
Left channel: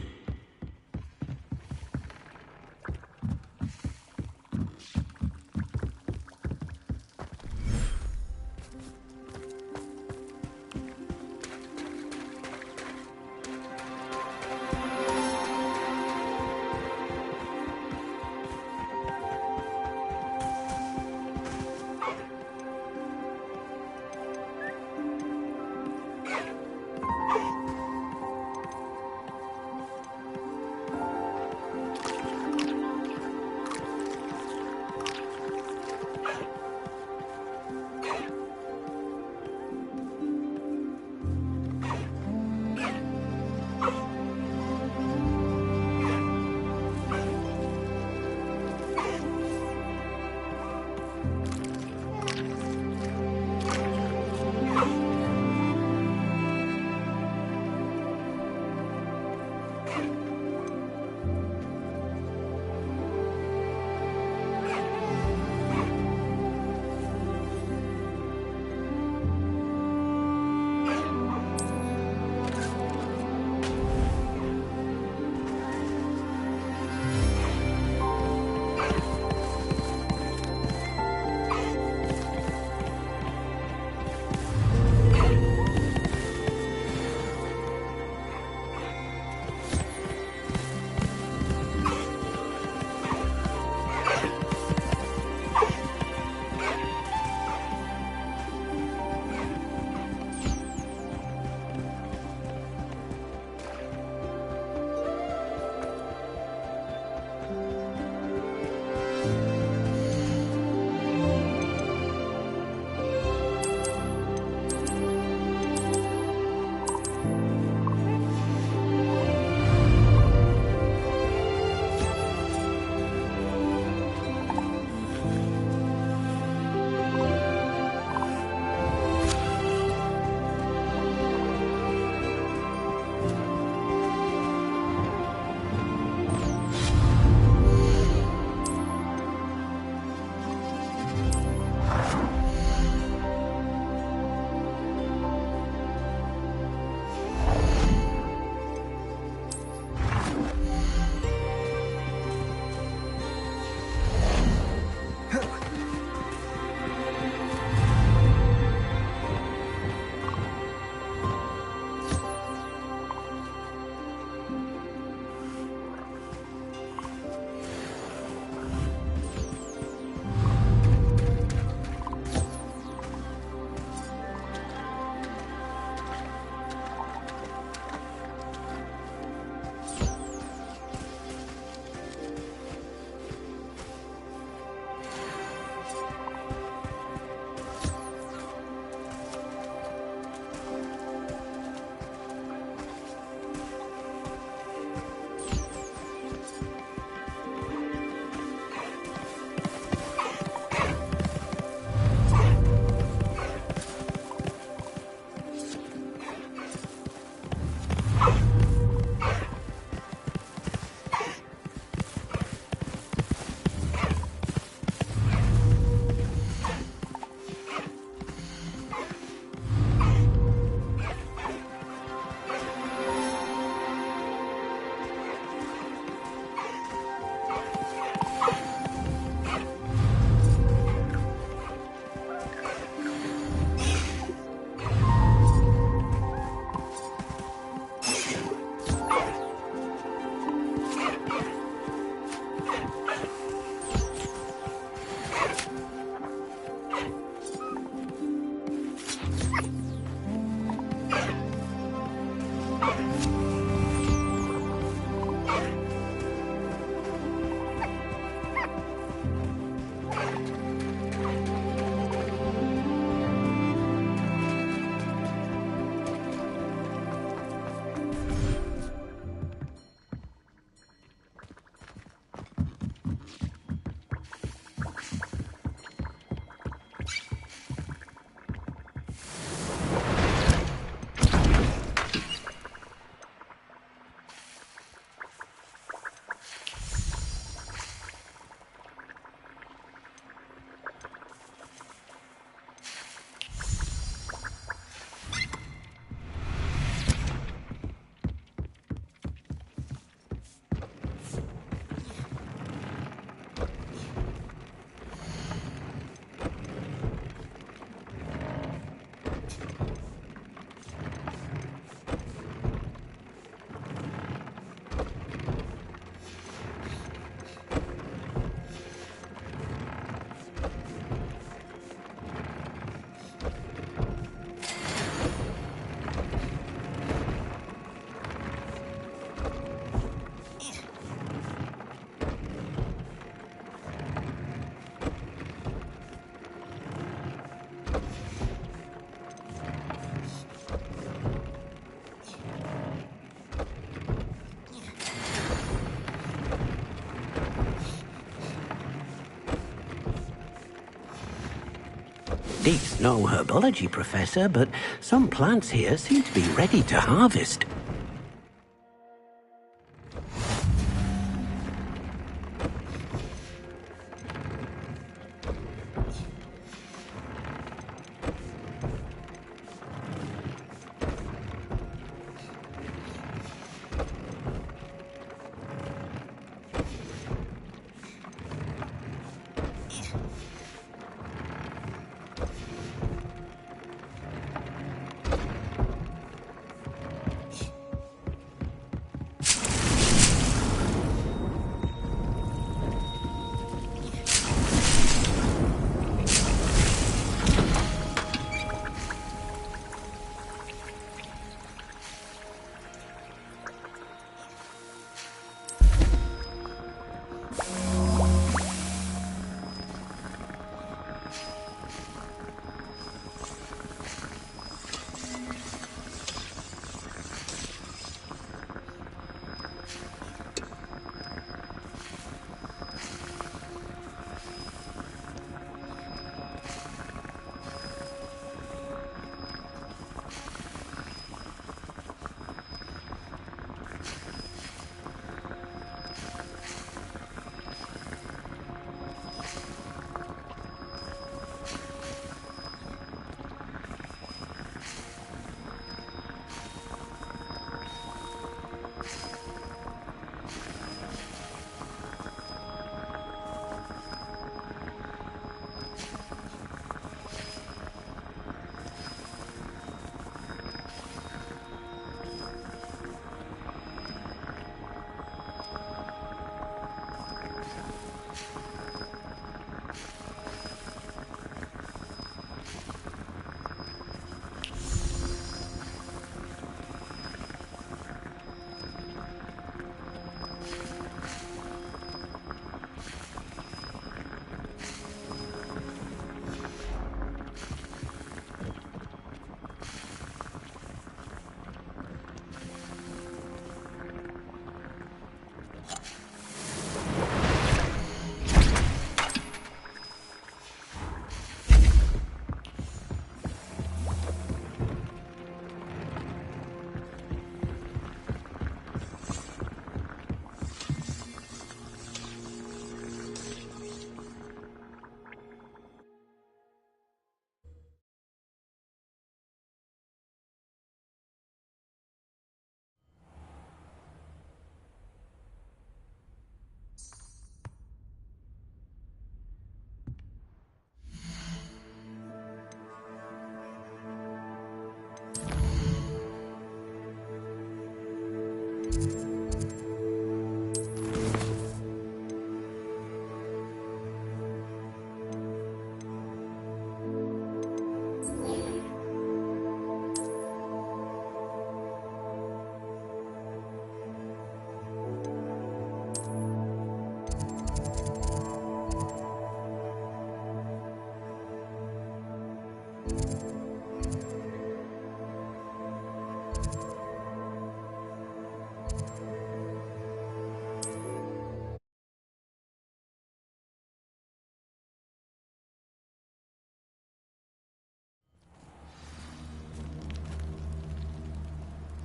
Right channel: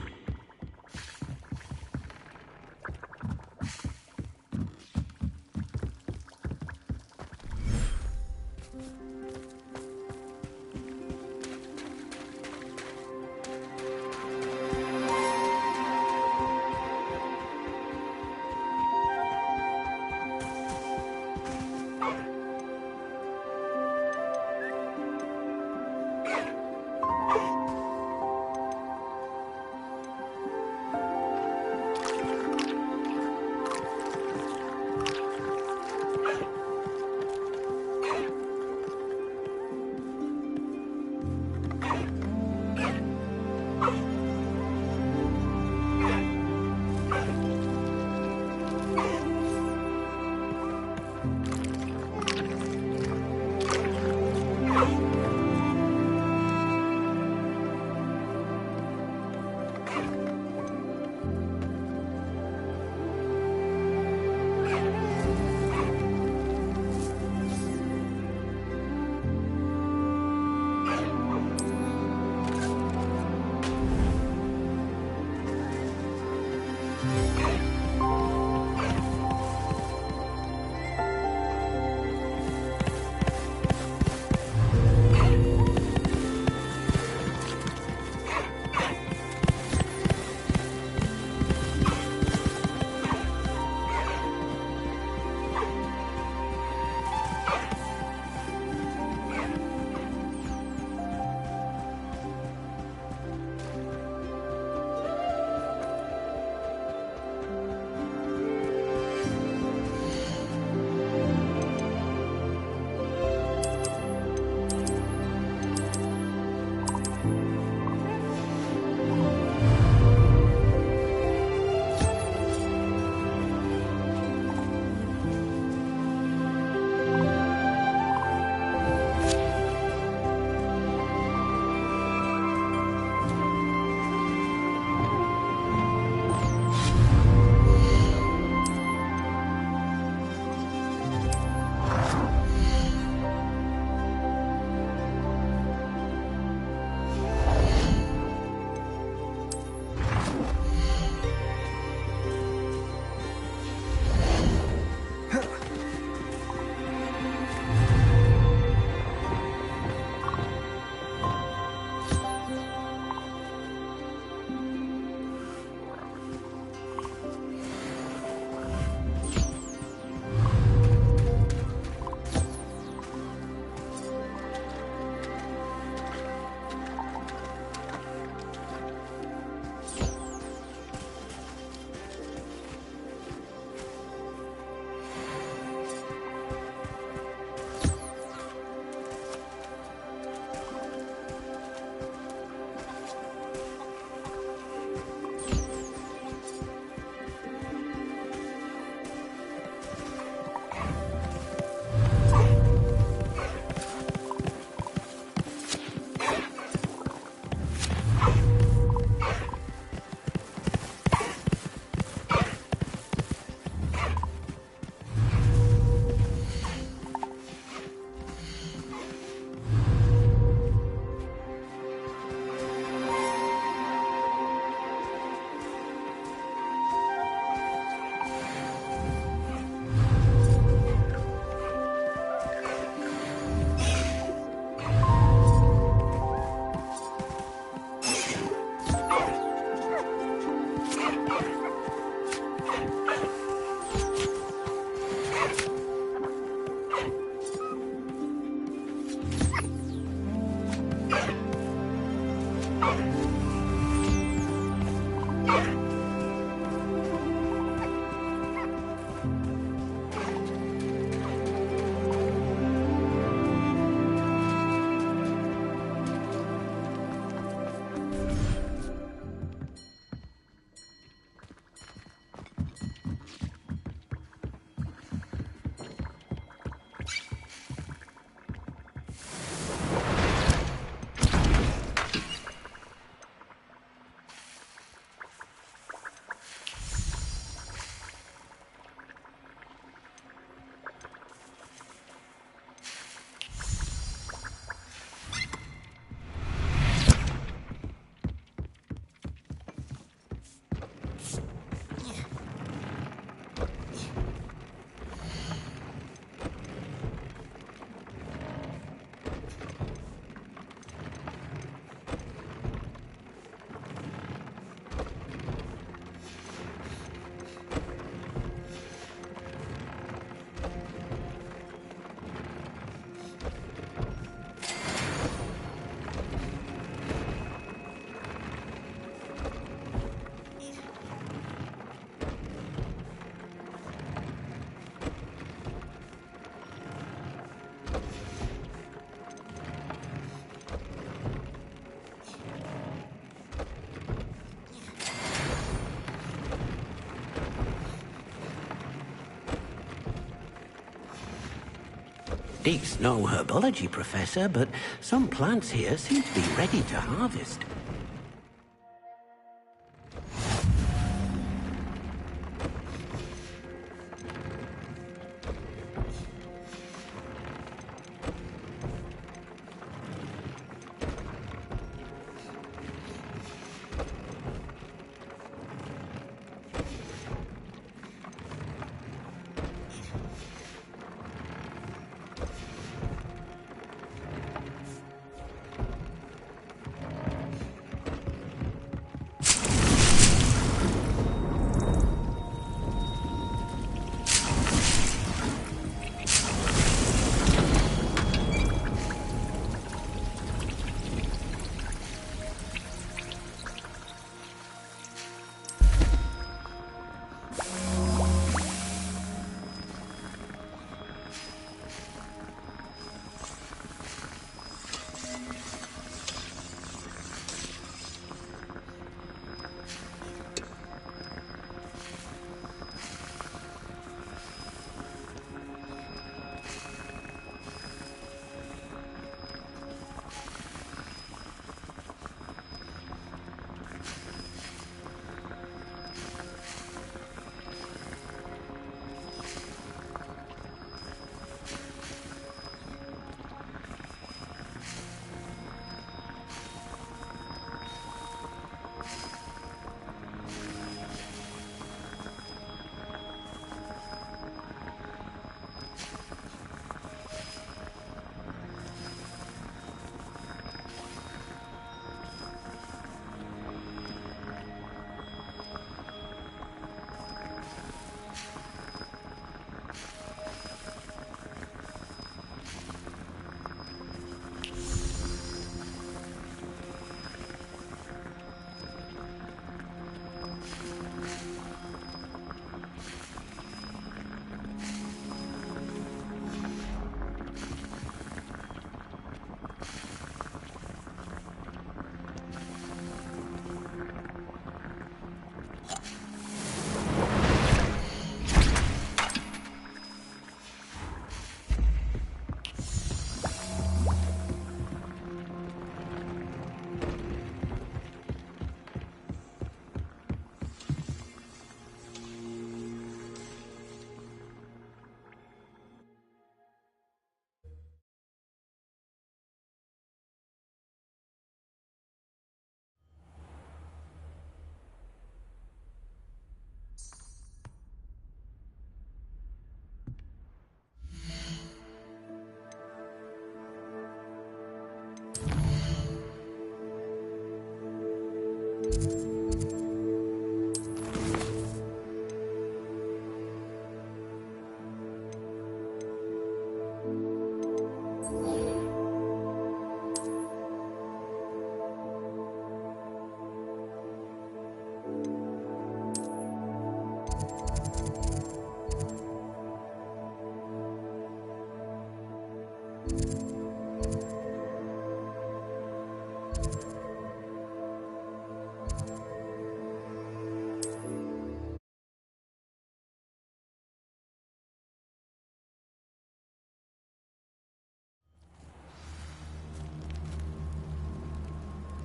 Deke's no herbology professor, but some plants here seem to be ready to harvest.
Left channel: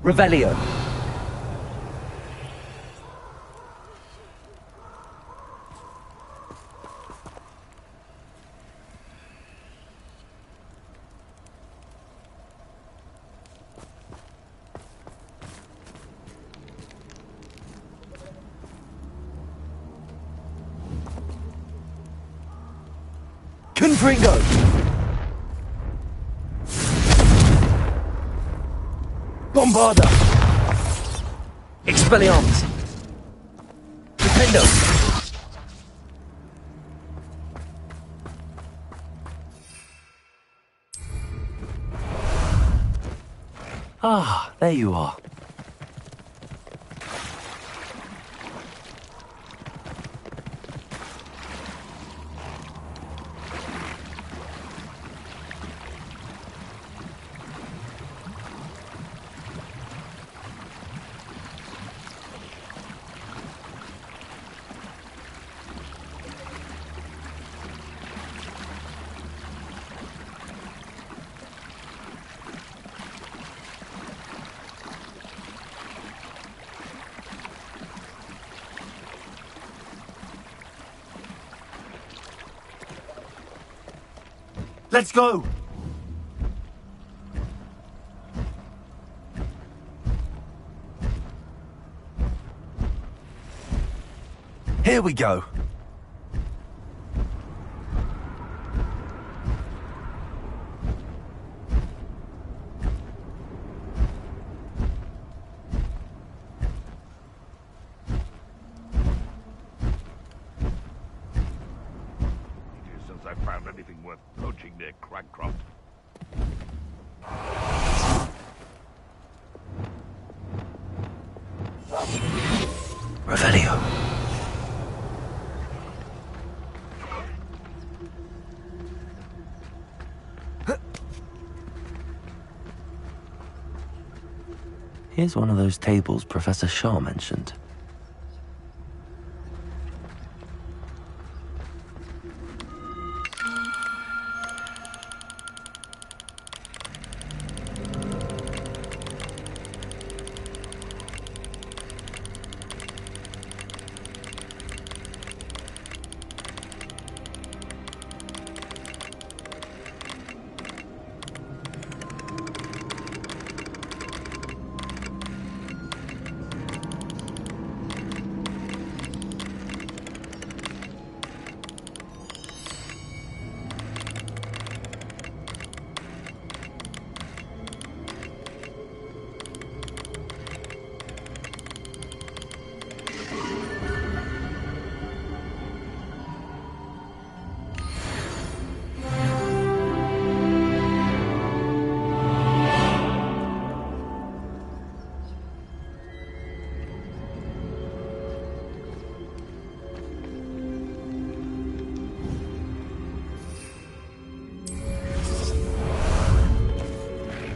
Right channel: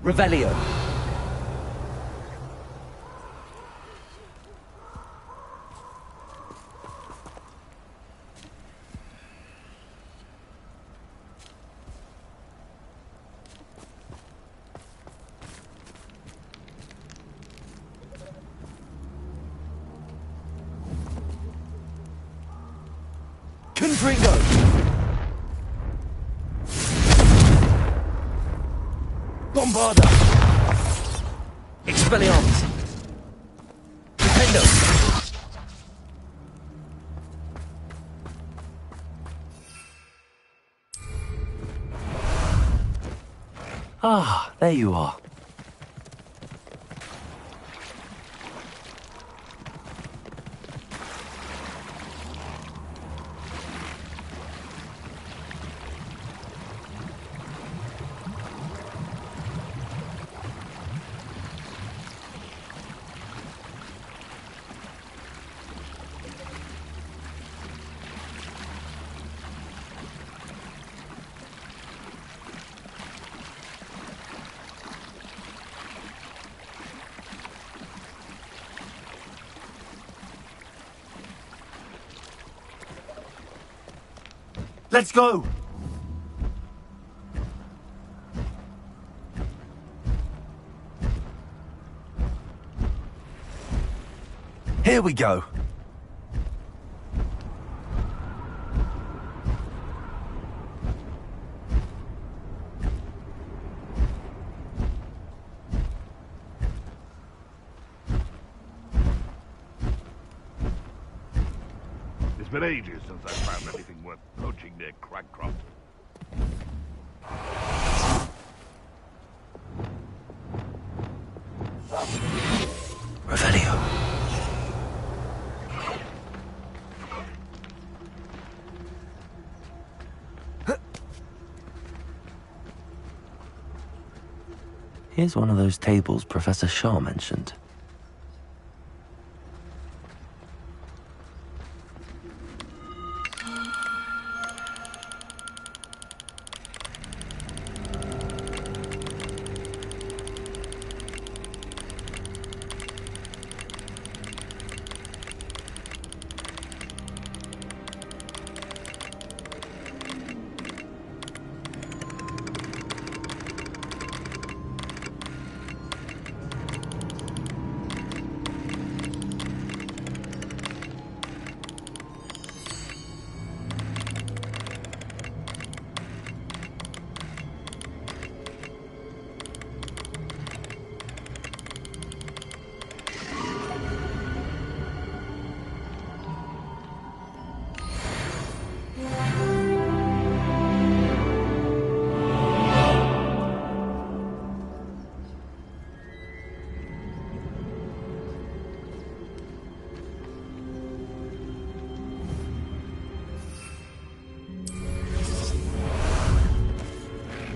Revelio. Confringo. Bombarda. Expelliarmus. Defendo. Ah, there you are. Let's go! Here we go. It's been ages since I found anything worth poaching near Cragcroft. Revelio. Here's one of those tables Professor Shaw mentioned.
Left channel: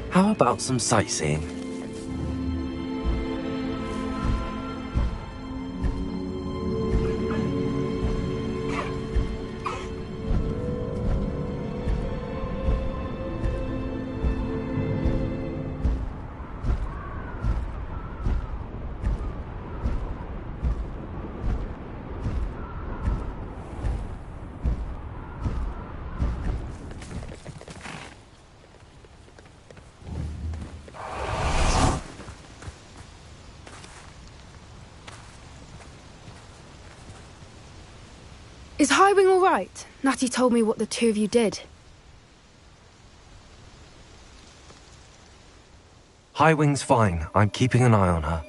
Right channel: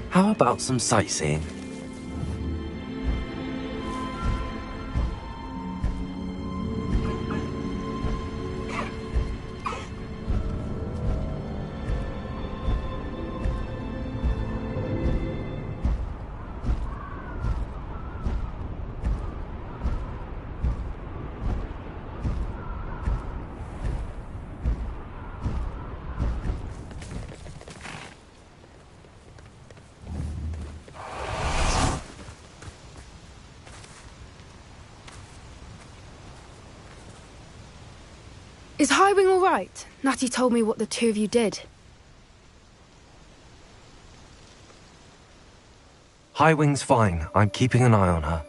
How about some sightseeing? Is Highwing all right? Natty told me what the two of you did. Highwing's fine. I'm keeping an eye on her.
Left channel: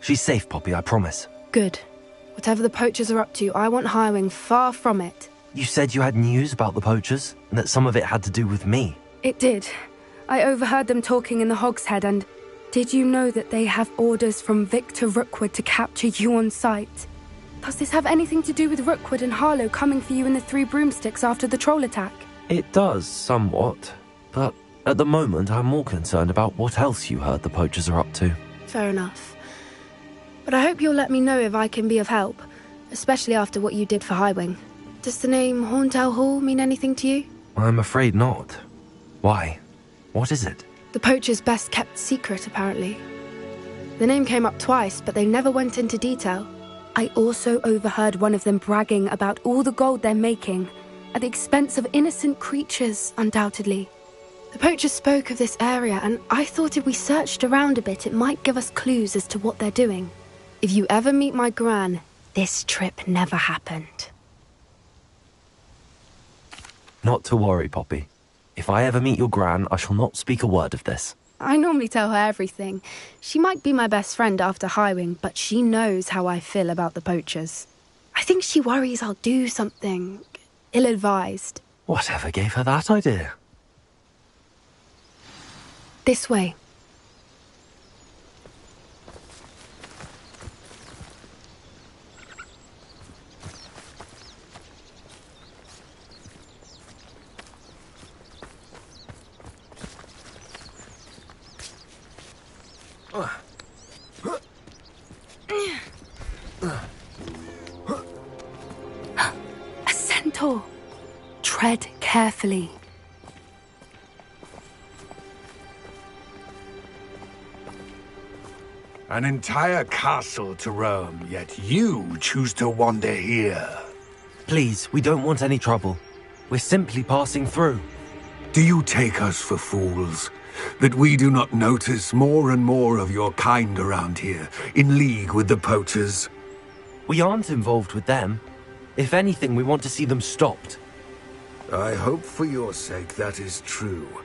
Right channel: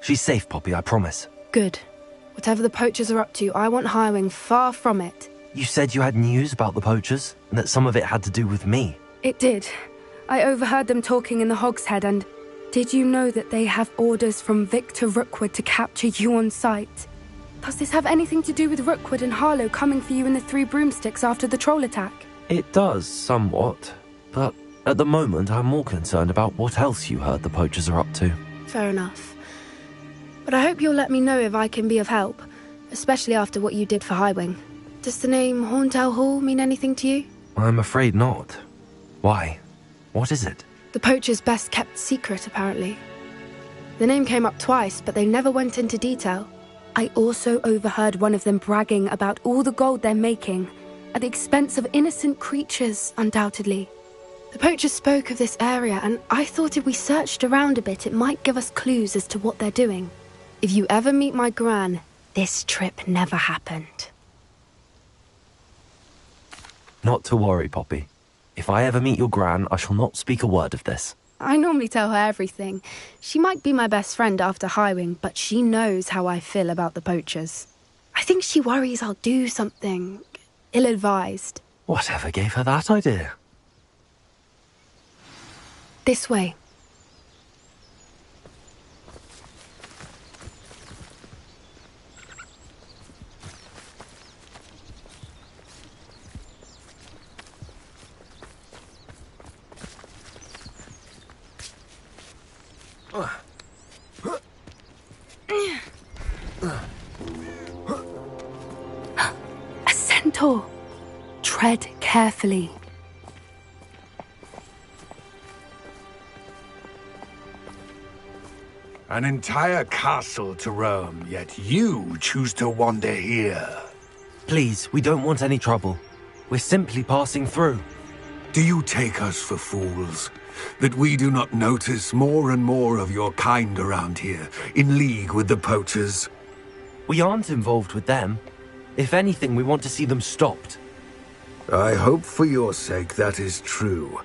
She's safe, Poppy, I promise. Good. Whatever the poachers are up to, I want Highwing far from it. You said you had news about the poachers, and that some of it had to do with me. It did. I overheard them talking in the Hogshead, and did you know that they have orders from Victor Rookwood to capture you on sight? Does this have anything to do with Rookwood and Harlow coming for you in the Three Broomsticks after the troll attack? It does, somewhat. But at the moment, I'm more concerned about what else you heard the poachers are up to. Fair enough. But I hope you'll let me know if I can be of help, especially after what you did for Highwing. Does the name Horntail Hall mean anything to you? I'm afraid not. Why? What is it? The poachers' best-kept secret, apparently. The name came up twice, but they never went into detail. I also overheard one of them bragging about all the gold they're making, at the expense of innocent creatures, undoubtedly. The poachers spoke of this area, and I thought if we searched around a bit, it might give us clues as to what they're doing. If you ever meet my Gran, this trip never happened. Not to worry, Poppy. If I ever meet your Gran, I shall not speak a word of this. I normally tell her everything. She might be my best friend after Highwing, but she knows how I feel about the poachers. I think she worries I'll do something ill-advised. Whatever gave her that idea? This way. A centaur. Tread carefully. An entire castle to roam, yet you choose to wander here. Please, we don't want any trouble. We're simply passing through. Do you take us for fools? That we do not notice more and more of your kind around here, in league with the poachers? We aren't involved with them. If anything, we want to see them stopped. I hope for your sake that is true.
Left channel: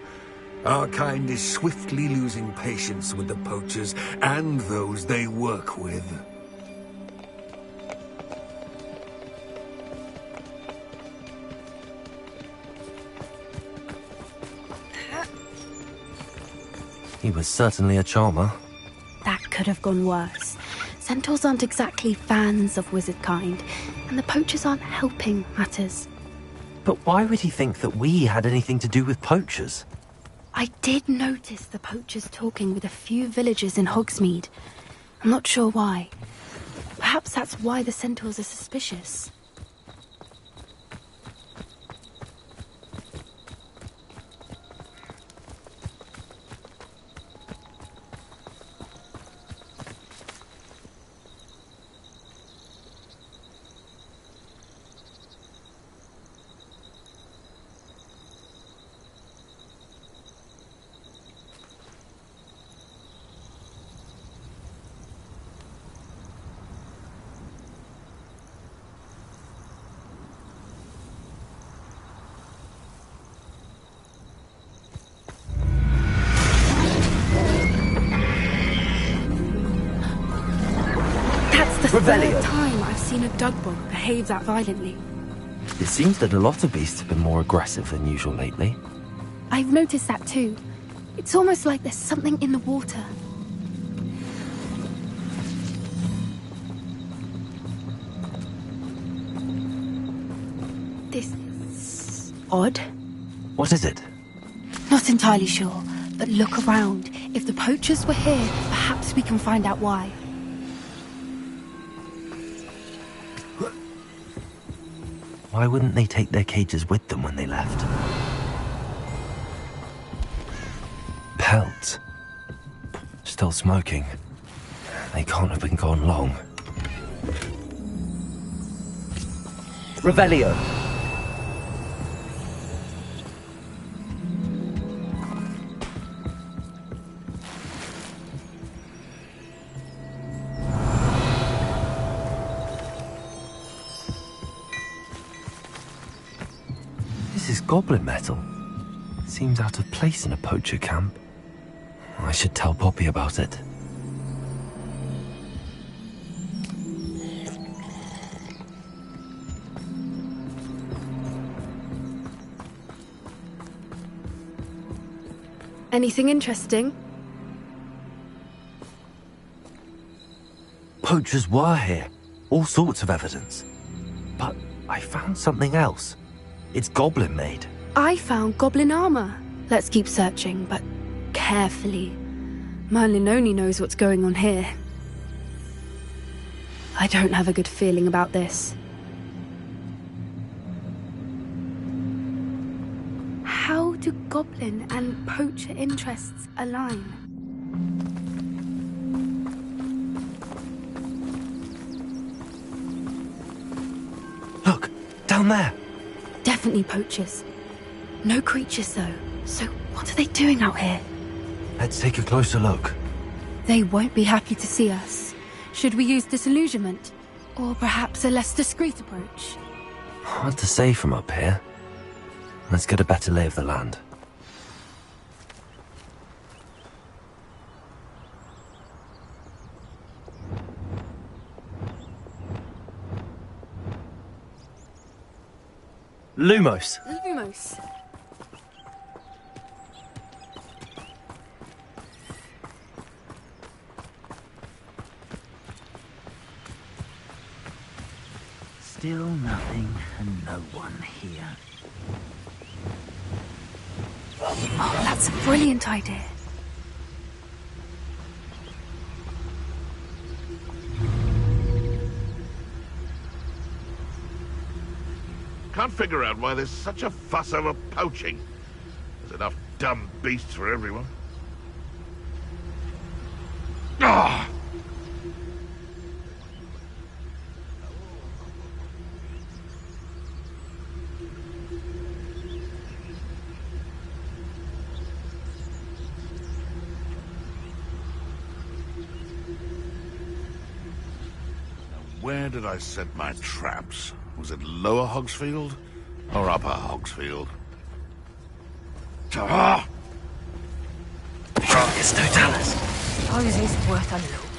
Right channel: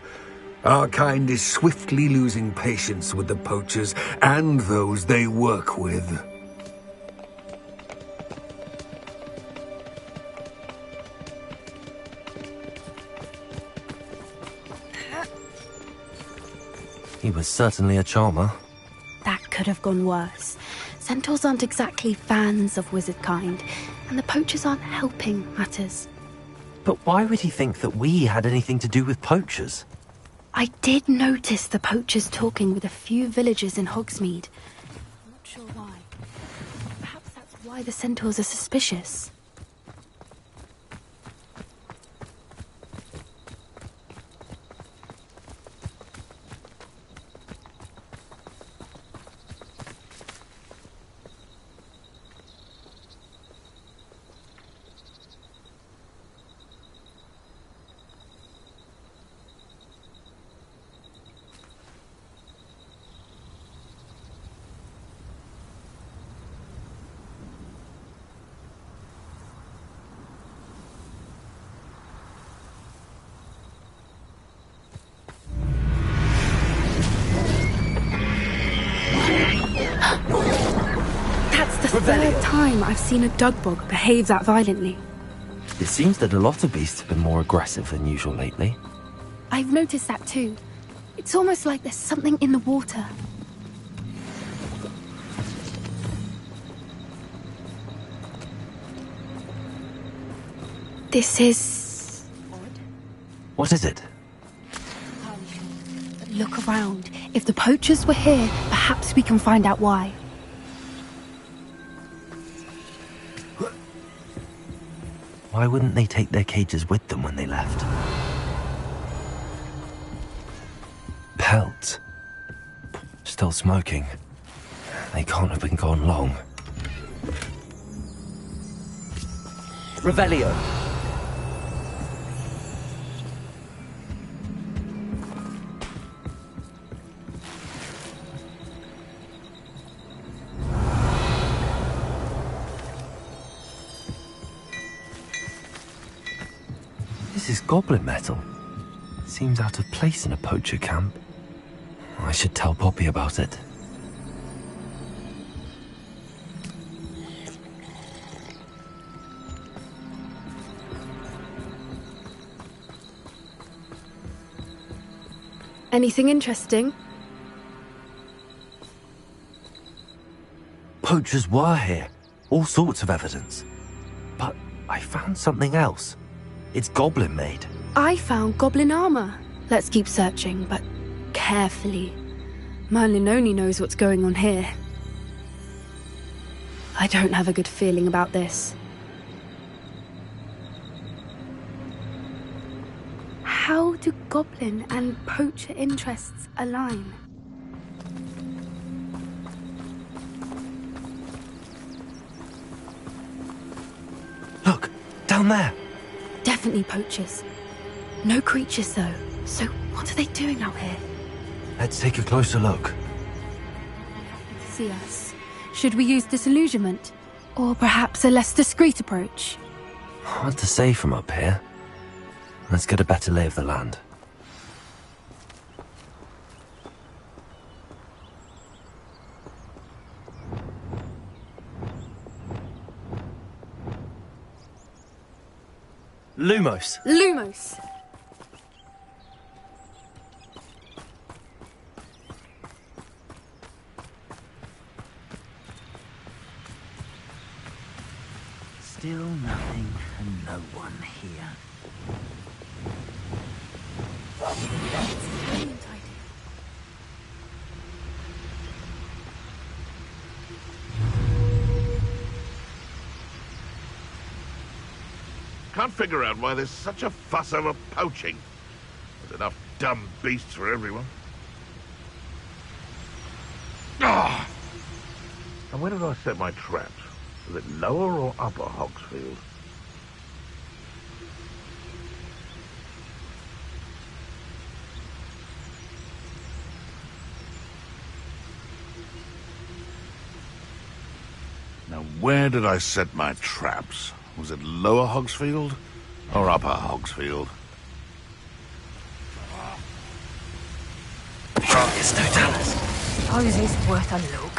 Our kind is swiftly losing patience with the poachers and those they work with. He was certainly a charmer. That could have gone worse. Centaurs aren't exactly fans of wizard kind, and the poachers aren't helping matters. But why would he think that we had anything to do with poachers? I did notice the poachers talking with a few villagers in Hogsmeade. I'm not sure why. Perhaps that's why the centaurs are suspicious. The third time I've seen a dugbog behave that violently. It seems that a lot of beasts have been more aggressive than usual lately. I've noticed that too. It's almost like there's something in the water. This is odd. What is it? Not entirely sure, but look around. If the poachers were here, perhaps we can find out why. Why wouldn't they take their cages with them when they left? Pelts. Still smoking. They can't have been gone long. Revelio. This is goblin metal. Seems out of place in a poacher camp. I should tell Poppy about it. Anything interesting? Poachers were here. All sorts of evidence. But I found something else. It's goblin made. I found goblin armor. Let's keep searching, but carefully. Merlin only knows what's going on here. I don't have a good feeling about this. How do goblin and poacher interests align? Look, down there. Definitely poachers. No creatures, though. So what are they doing out here? Let's take a closer look. They won't be happy to see us. Should we use disillusionment? Or perhaps a less discreet approach? Hard to say from up here. Let's get a better lay of the land. Lumos. Lumos. Still nothing and no one here. That's a brilliant idea. Can't figure out why there's such a fuss over poaching. There's enough dumb beasts for everyone. Ah! And where did I set my traps? Was it lower or upper Hogsfield? where did I set my traps? Was it Lower Hogsfield or Upper Hogsfield? It's no Dallas. Suppose it's worth a look.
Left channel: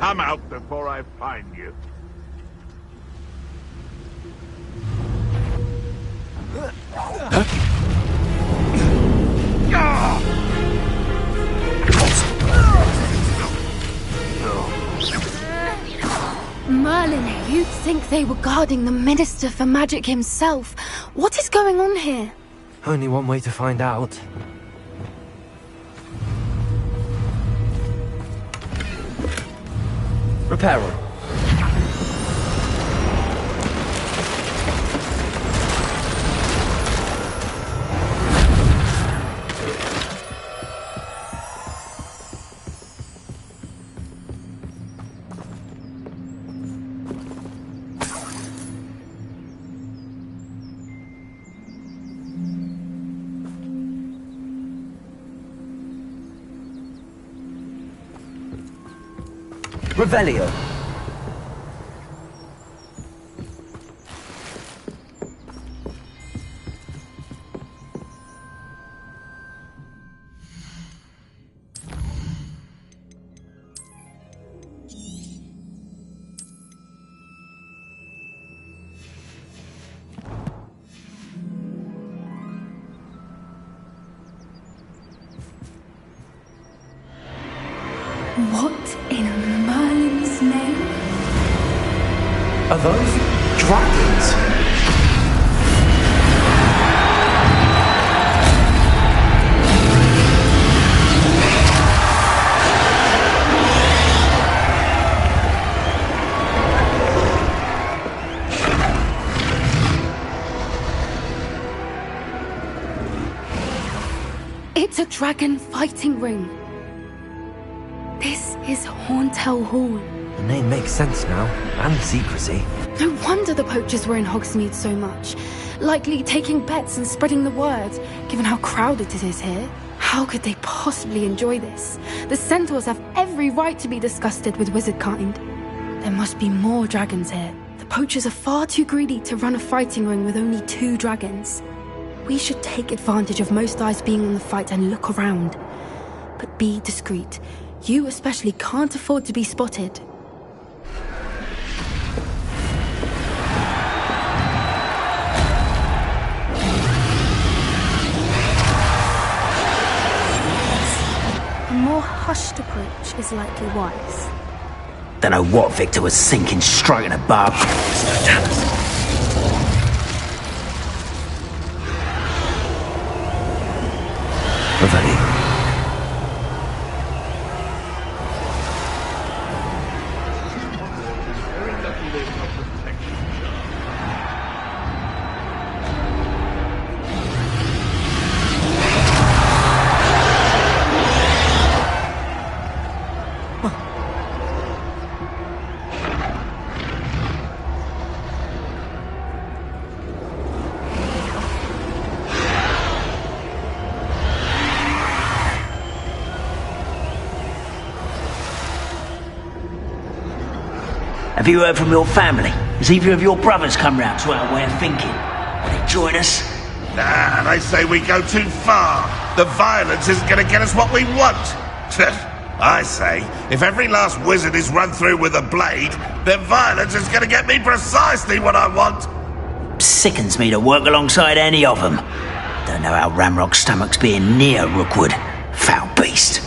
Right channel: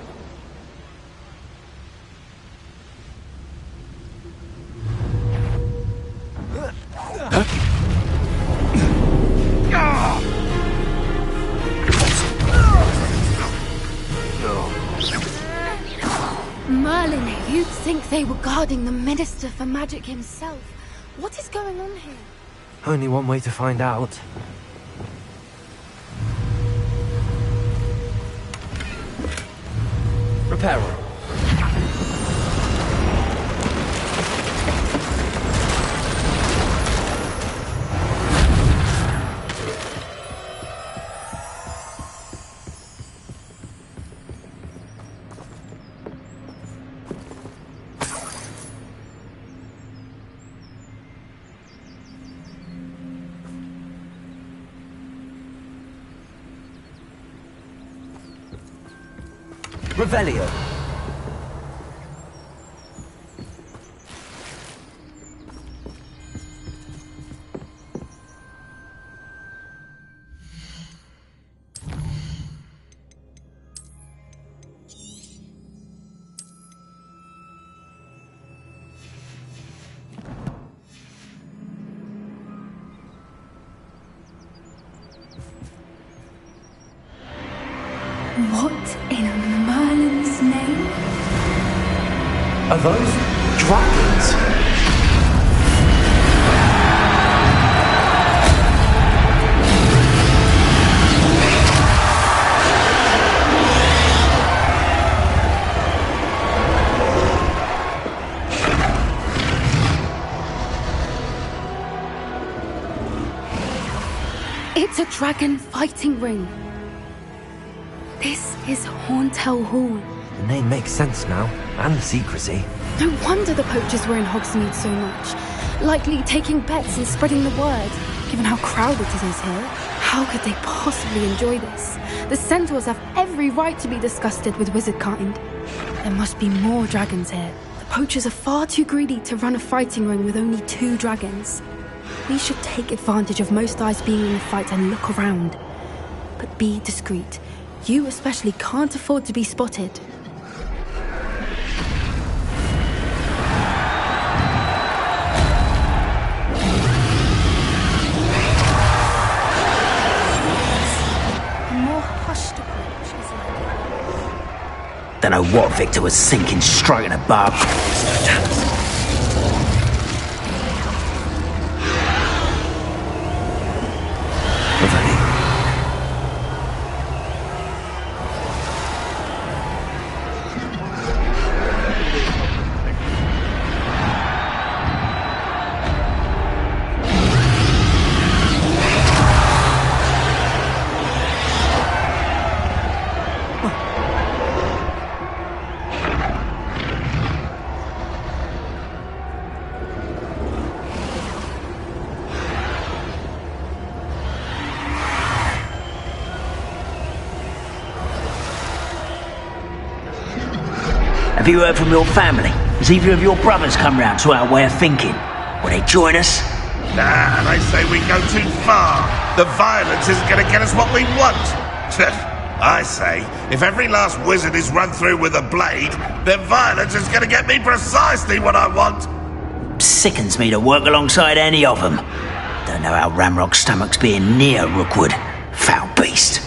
Come out before I find you. Merlin, you'd think they were guarding the Minister for Magic himself. What is going on here? Only one way to find out. Repair room. Revelio. What in Merlin's name? Are those dragons? It's a dragon fighting ring. This is Hauntel Hall. The name makes sense now, and the secrecy. No wonder the poachers were in Hogsmeade so much. Likely taking bets and spreading the word, given how crowded it is here. How could they possibly enjoy this? The centaurs have every right to be disgusted with wizard kind. There must be more dragons here. The poachers are far too greedy to run a fighting ring with only 2 dragons. We should take advantage of most eyes being in the fight and look around. But be discreet. You especially can't afford to be spotted. A more hushed approach is likely wise. Don't know what Victor was thinking, striking a barb. Have you heard from your family? Has either of your brothers come round to our way of thinking? Will they join us? Nah, they say we go too far. The violence isn't going to get us what we want. I say, if every last wizard is run through with a blade, then violence is going to get me precisely what I want. Sickens me to work alongside any of them. Don't know how Ramrock's stomach's being near Rookwood. Foul beast.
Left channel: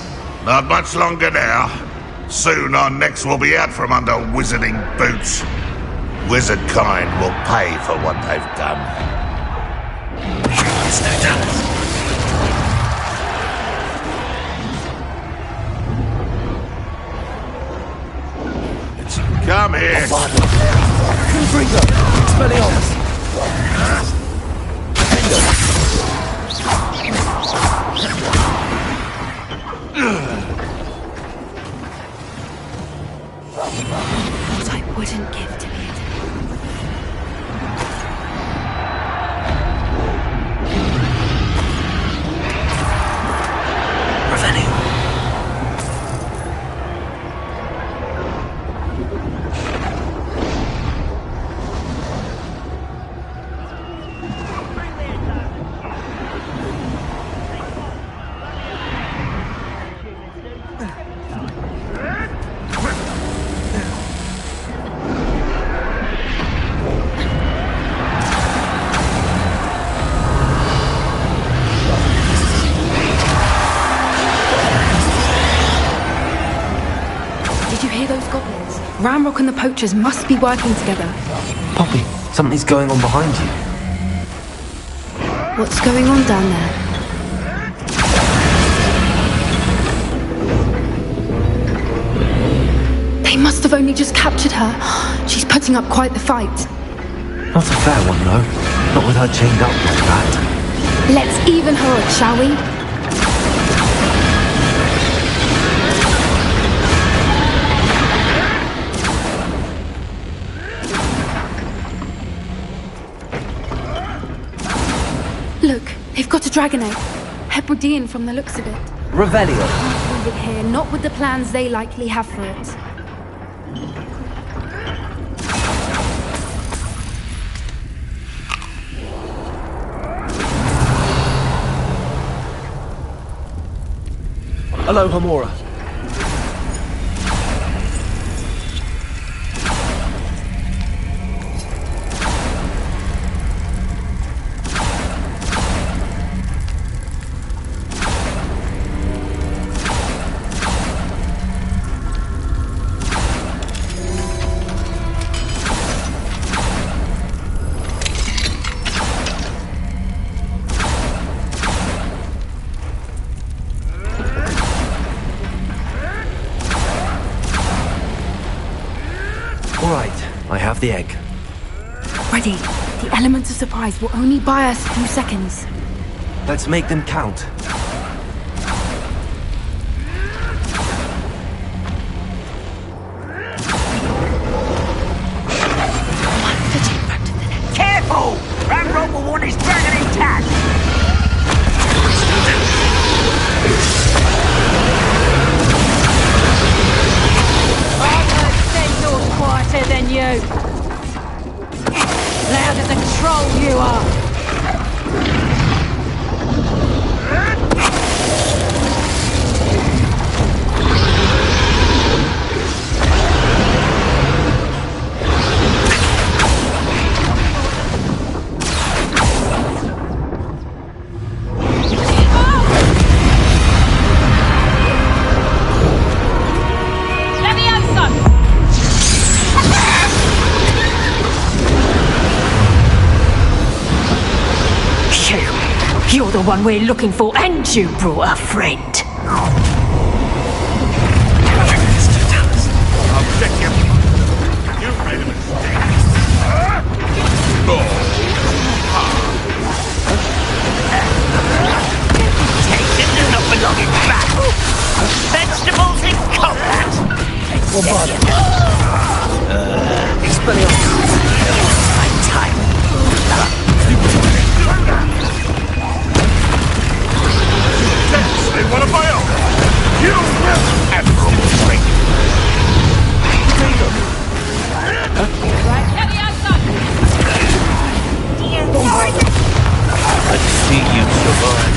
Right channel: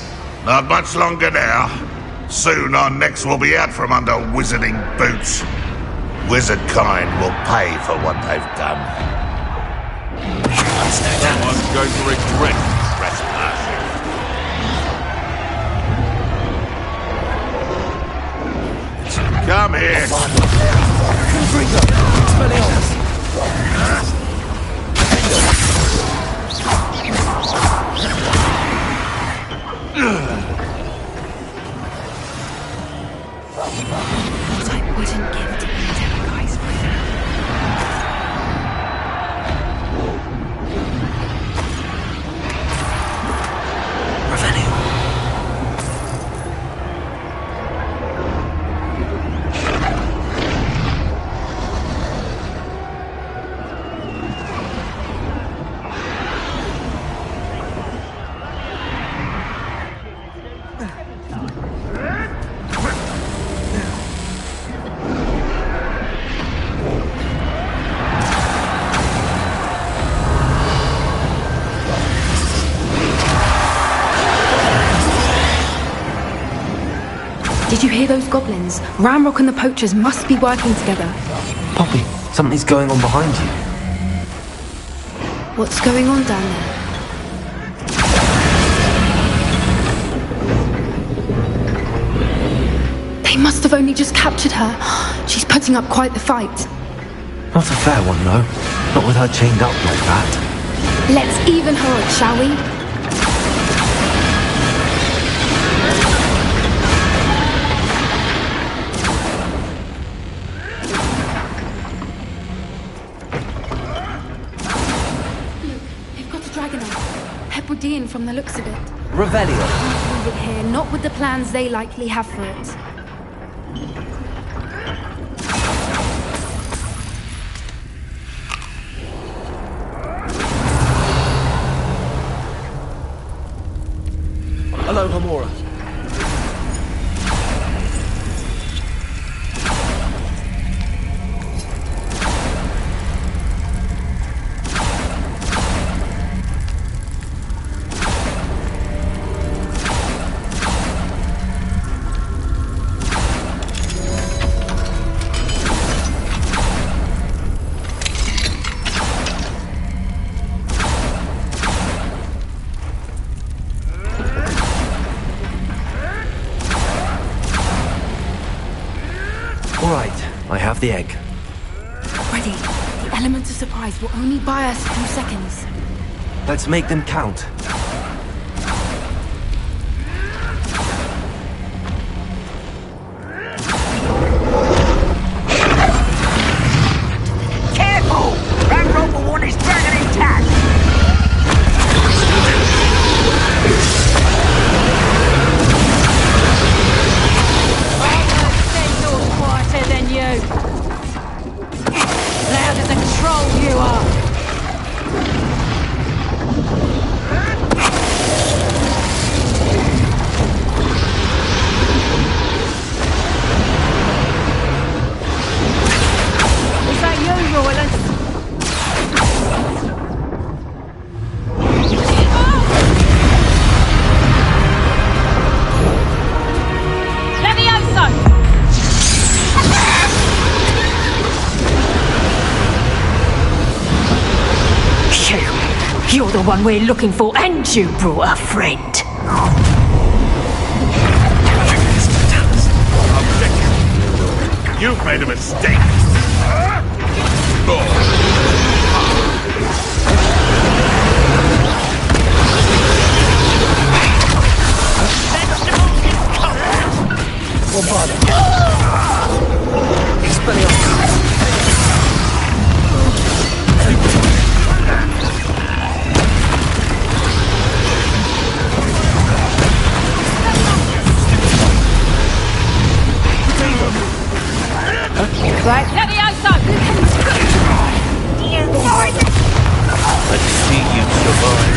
Not much longer now. Soon our necks will be out from under wizarding boots. Wizard kind will pay for what they've done. Come here. Confringo! Expelliarmus! What I wouldn't give to be terrorized. Revelio. Did you hear those goblins? Ramrock and the poachers must be working together. Poppy, something's going on behind you. What's going on down there? They must have only just captured her. She's putting up quite the fight. Not a fair one, though. Not with her chained up like that. Let's even her up, shall we? Look, they've got a dragon egg. Hebridean from the looks of it. Revelio. Leave it here, not with the plans they likely have for it. Hello, Hamora. All right, I have the egg. Ready. The element of surprise will only buy us a few seconds. Let's make them count. Careful! Ramrock will want his dragon intact! Quieter than you. Louder than troll you are. You're the one we're looking for, and you brought a friend. Objective. You've made a mistake. Vegetables in combat! Well, bother. Expelliarmus. Right, Levioso! Let's see you survive.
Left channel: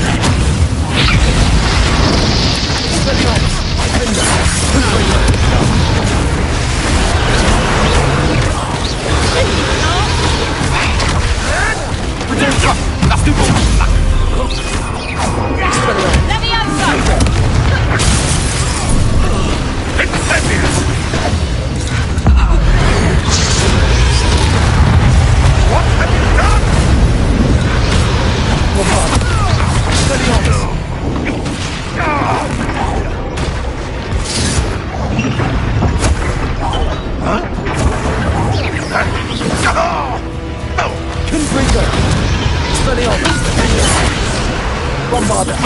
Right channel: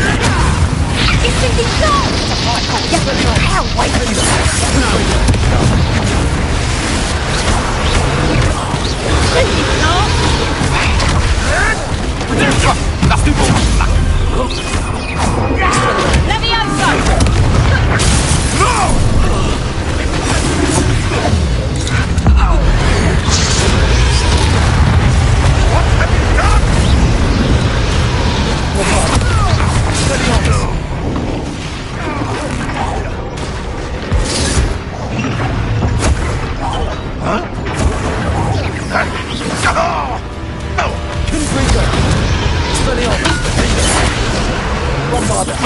Huh? One bother.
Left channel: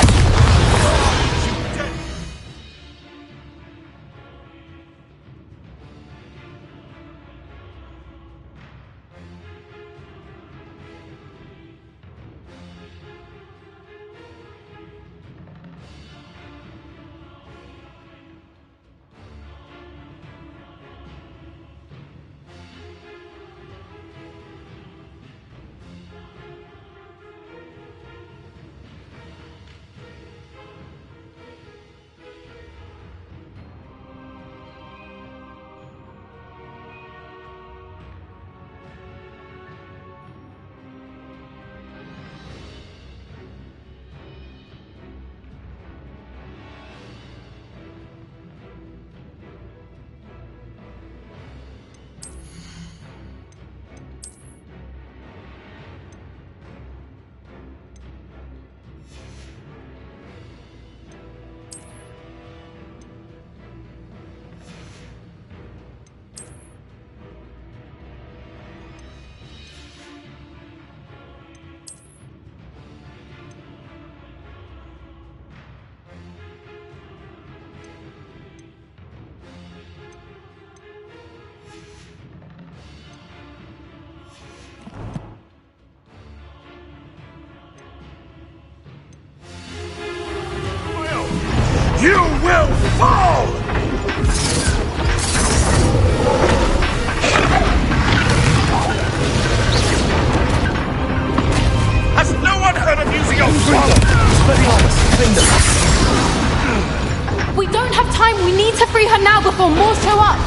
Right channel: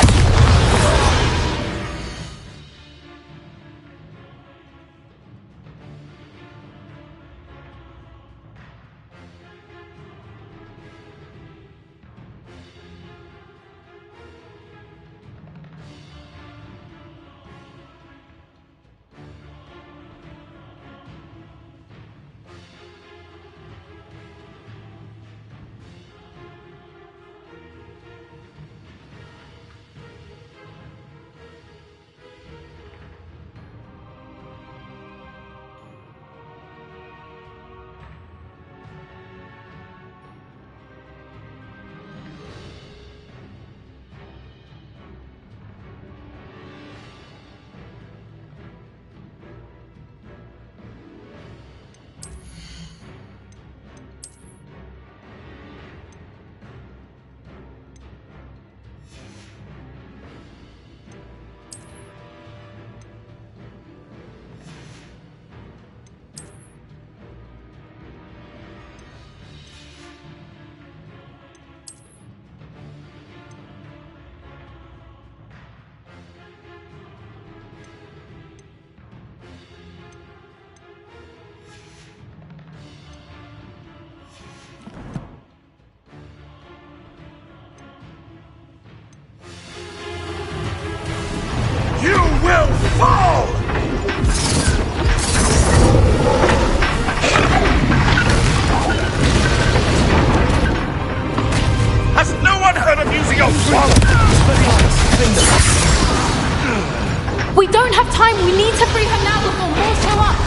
You will fall! Has no one heard of using your swallow? We don't have time. We need to free her now before more show up.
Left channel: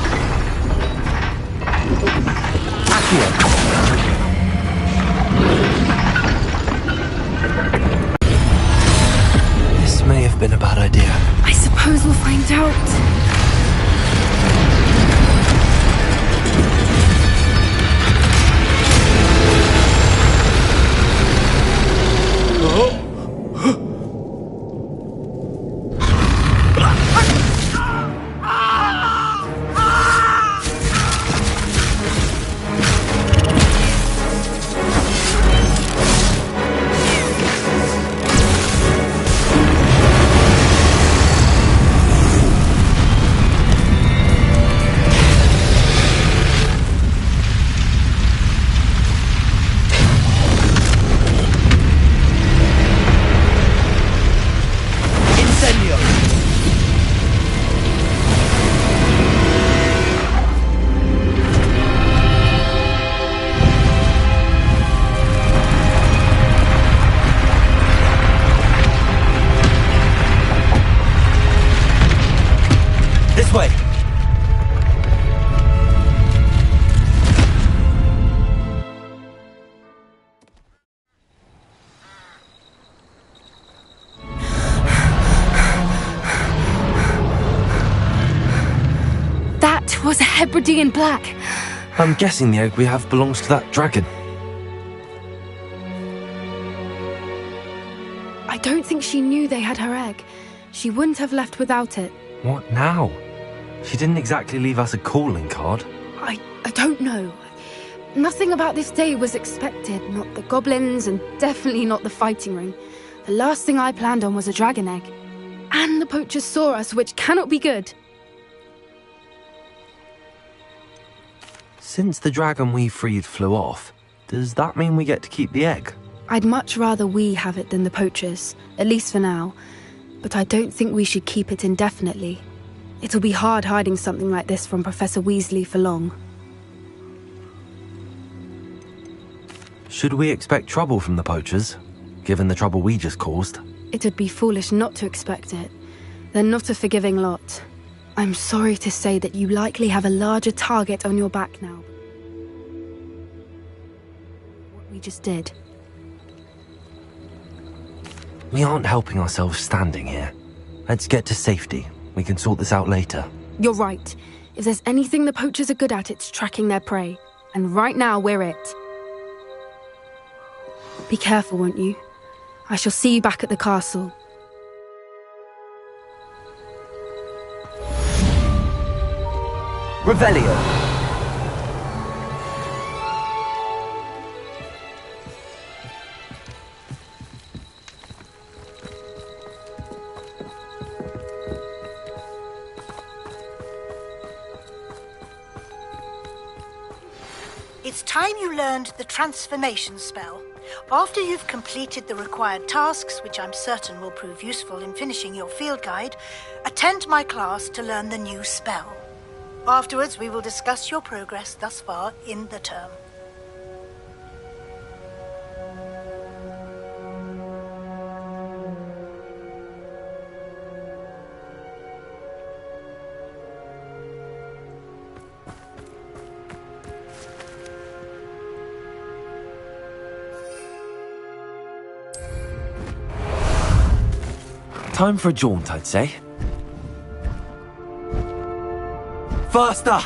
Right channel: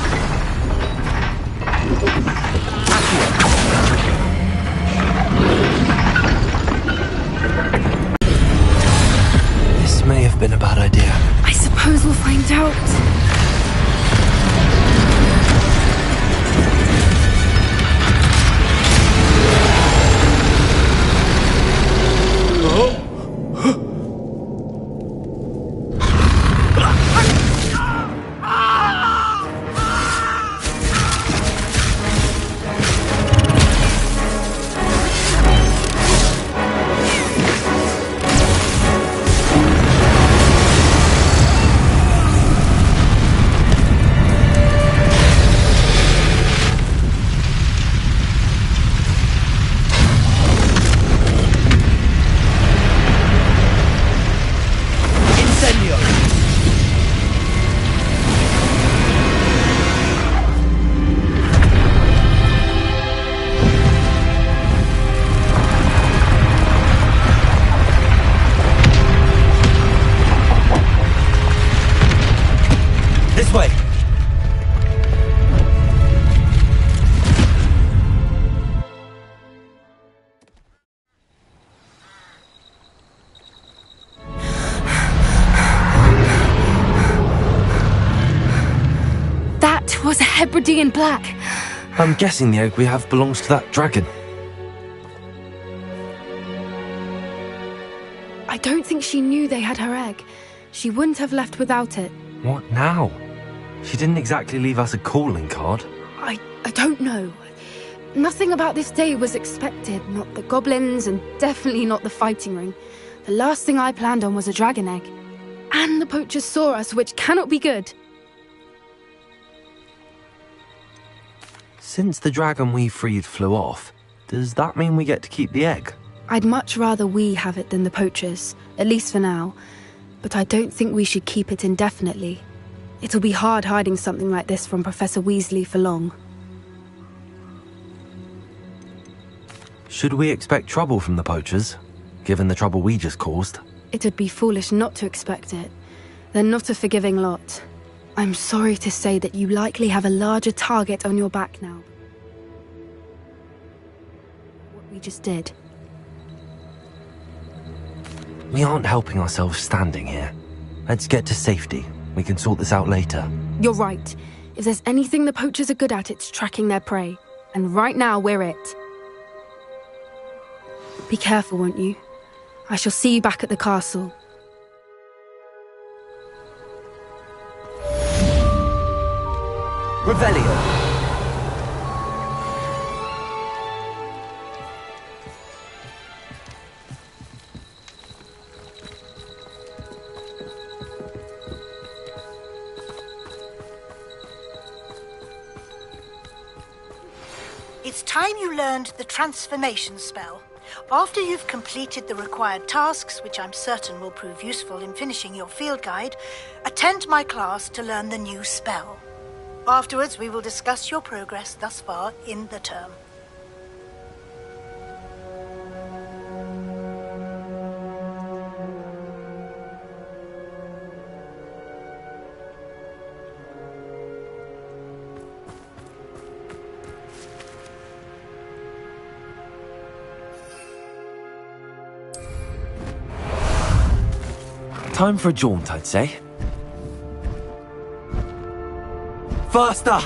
This may have been a bad idea. I suppose we'll find out. This way! That was a Hebridean black. I'm guessing the egg we have belongs to that dragon. I don't think she knew they had her egg. She wouldn't have left without it. What now? She didn't exactly leave us a calling card. I don't know. Nothing about this day was expected. Not the goblins, and definitely not the fighting ring. The last thing I planned on was a dragon egg. And the poachers saw us, which cannot be good. Since the dragon we freed flew off, does that mean we get to keep the egg? I'd much rather we have it than the poachers, at least for now. But I don't think we should keep it indefinitely. It'll be hard hiding something like this from Professor Weasley for long. Should we expect trouble from the poachers, given the trouble we just caused? It'd be foolish not to expect it. They're not a forgiving lot. I'm sorry to say that you likely have a larger target on your back now. What we just did. We aren't helping ourselves standing here. Let's get to safety. We can sort this out later. You're right. If there's anything the poachers are good at, it's tracking their prey. And right now, we're it. Be careful, won't you? I shall see you back at the castle. Revelio. It's time you learned the transformation spell. After you've completed the required tasks, which I'm certain will prove useful in finishing your field guide, attend my class to learn the new spell. Afterwards, we will discuss your progress thus far in the term. Time for a jaunt, I'd say. Faster!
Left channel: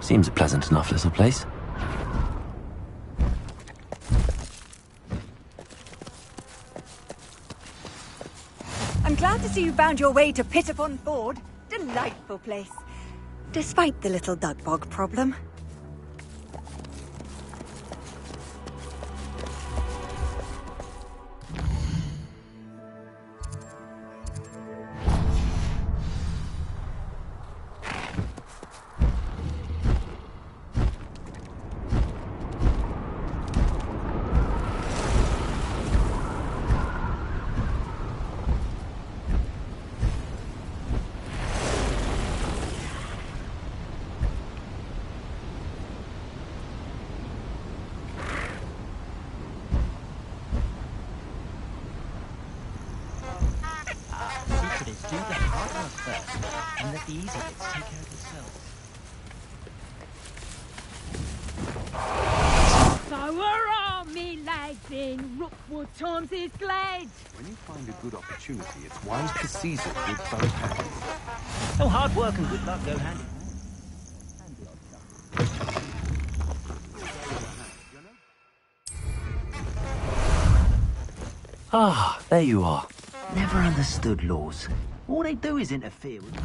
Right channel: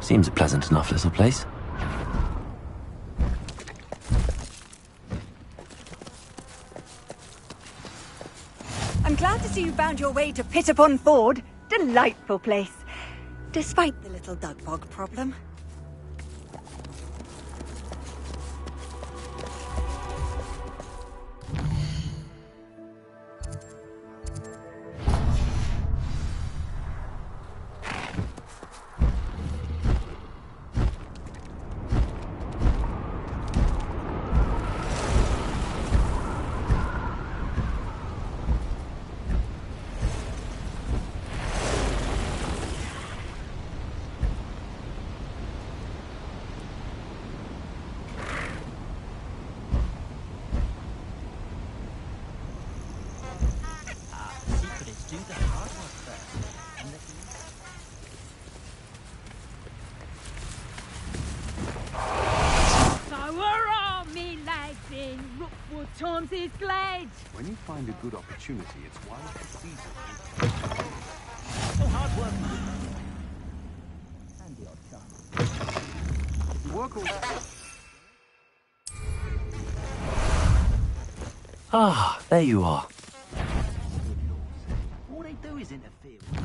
Seems a pleasant enough little place. I'm glad to see you found your way to Pittapon Ford. Delightful place. Despite the little dug bog problem. Do the hard work first, and let the easy bits take care of itself. So hurrah, me lads, in Rookwood times is glad. When you find a good opportunity, it's wise to seize it with both hands. So hard work and good luck go hand in hand. And the odd chuck. Work all together, you know? Ah, there you are. Never understood laws. All they do is interfere with...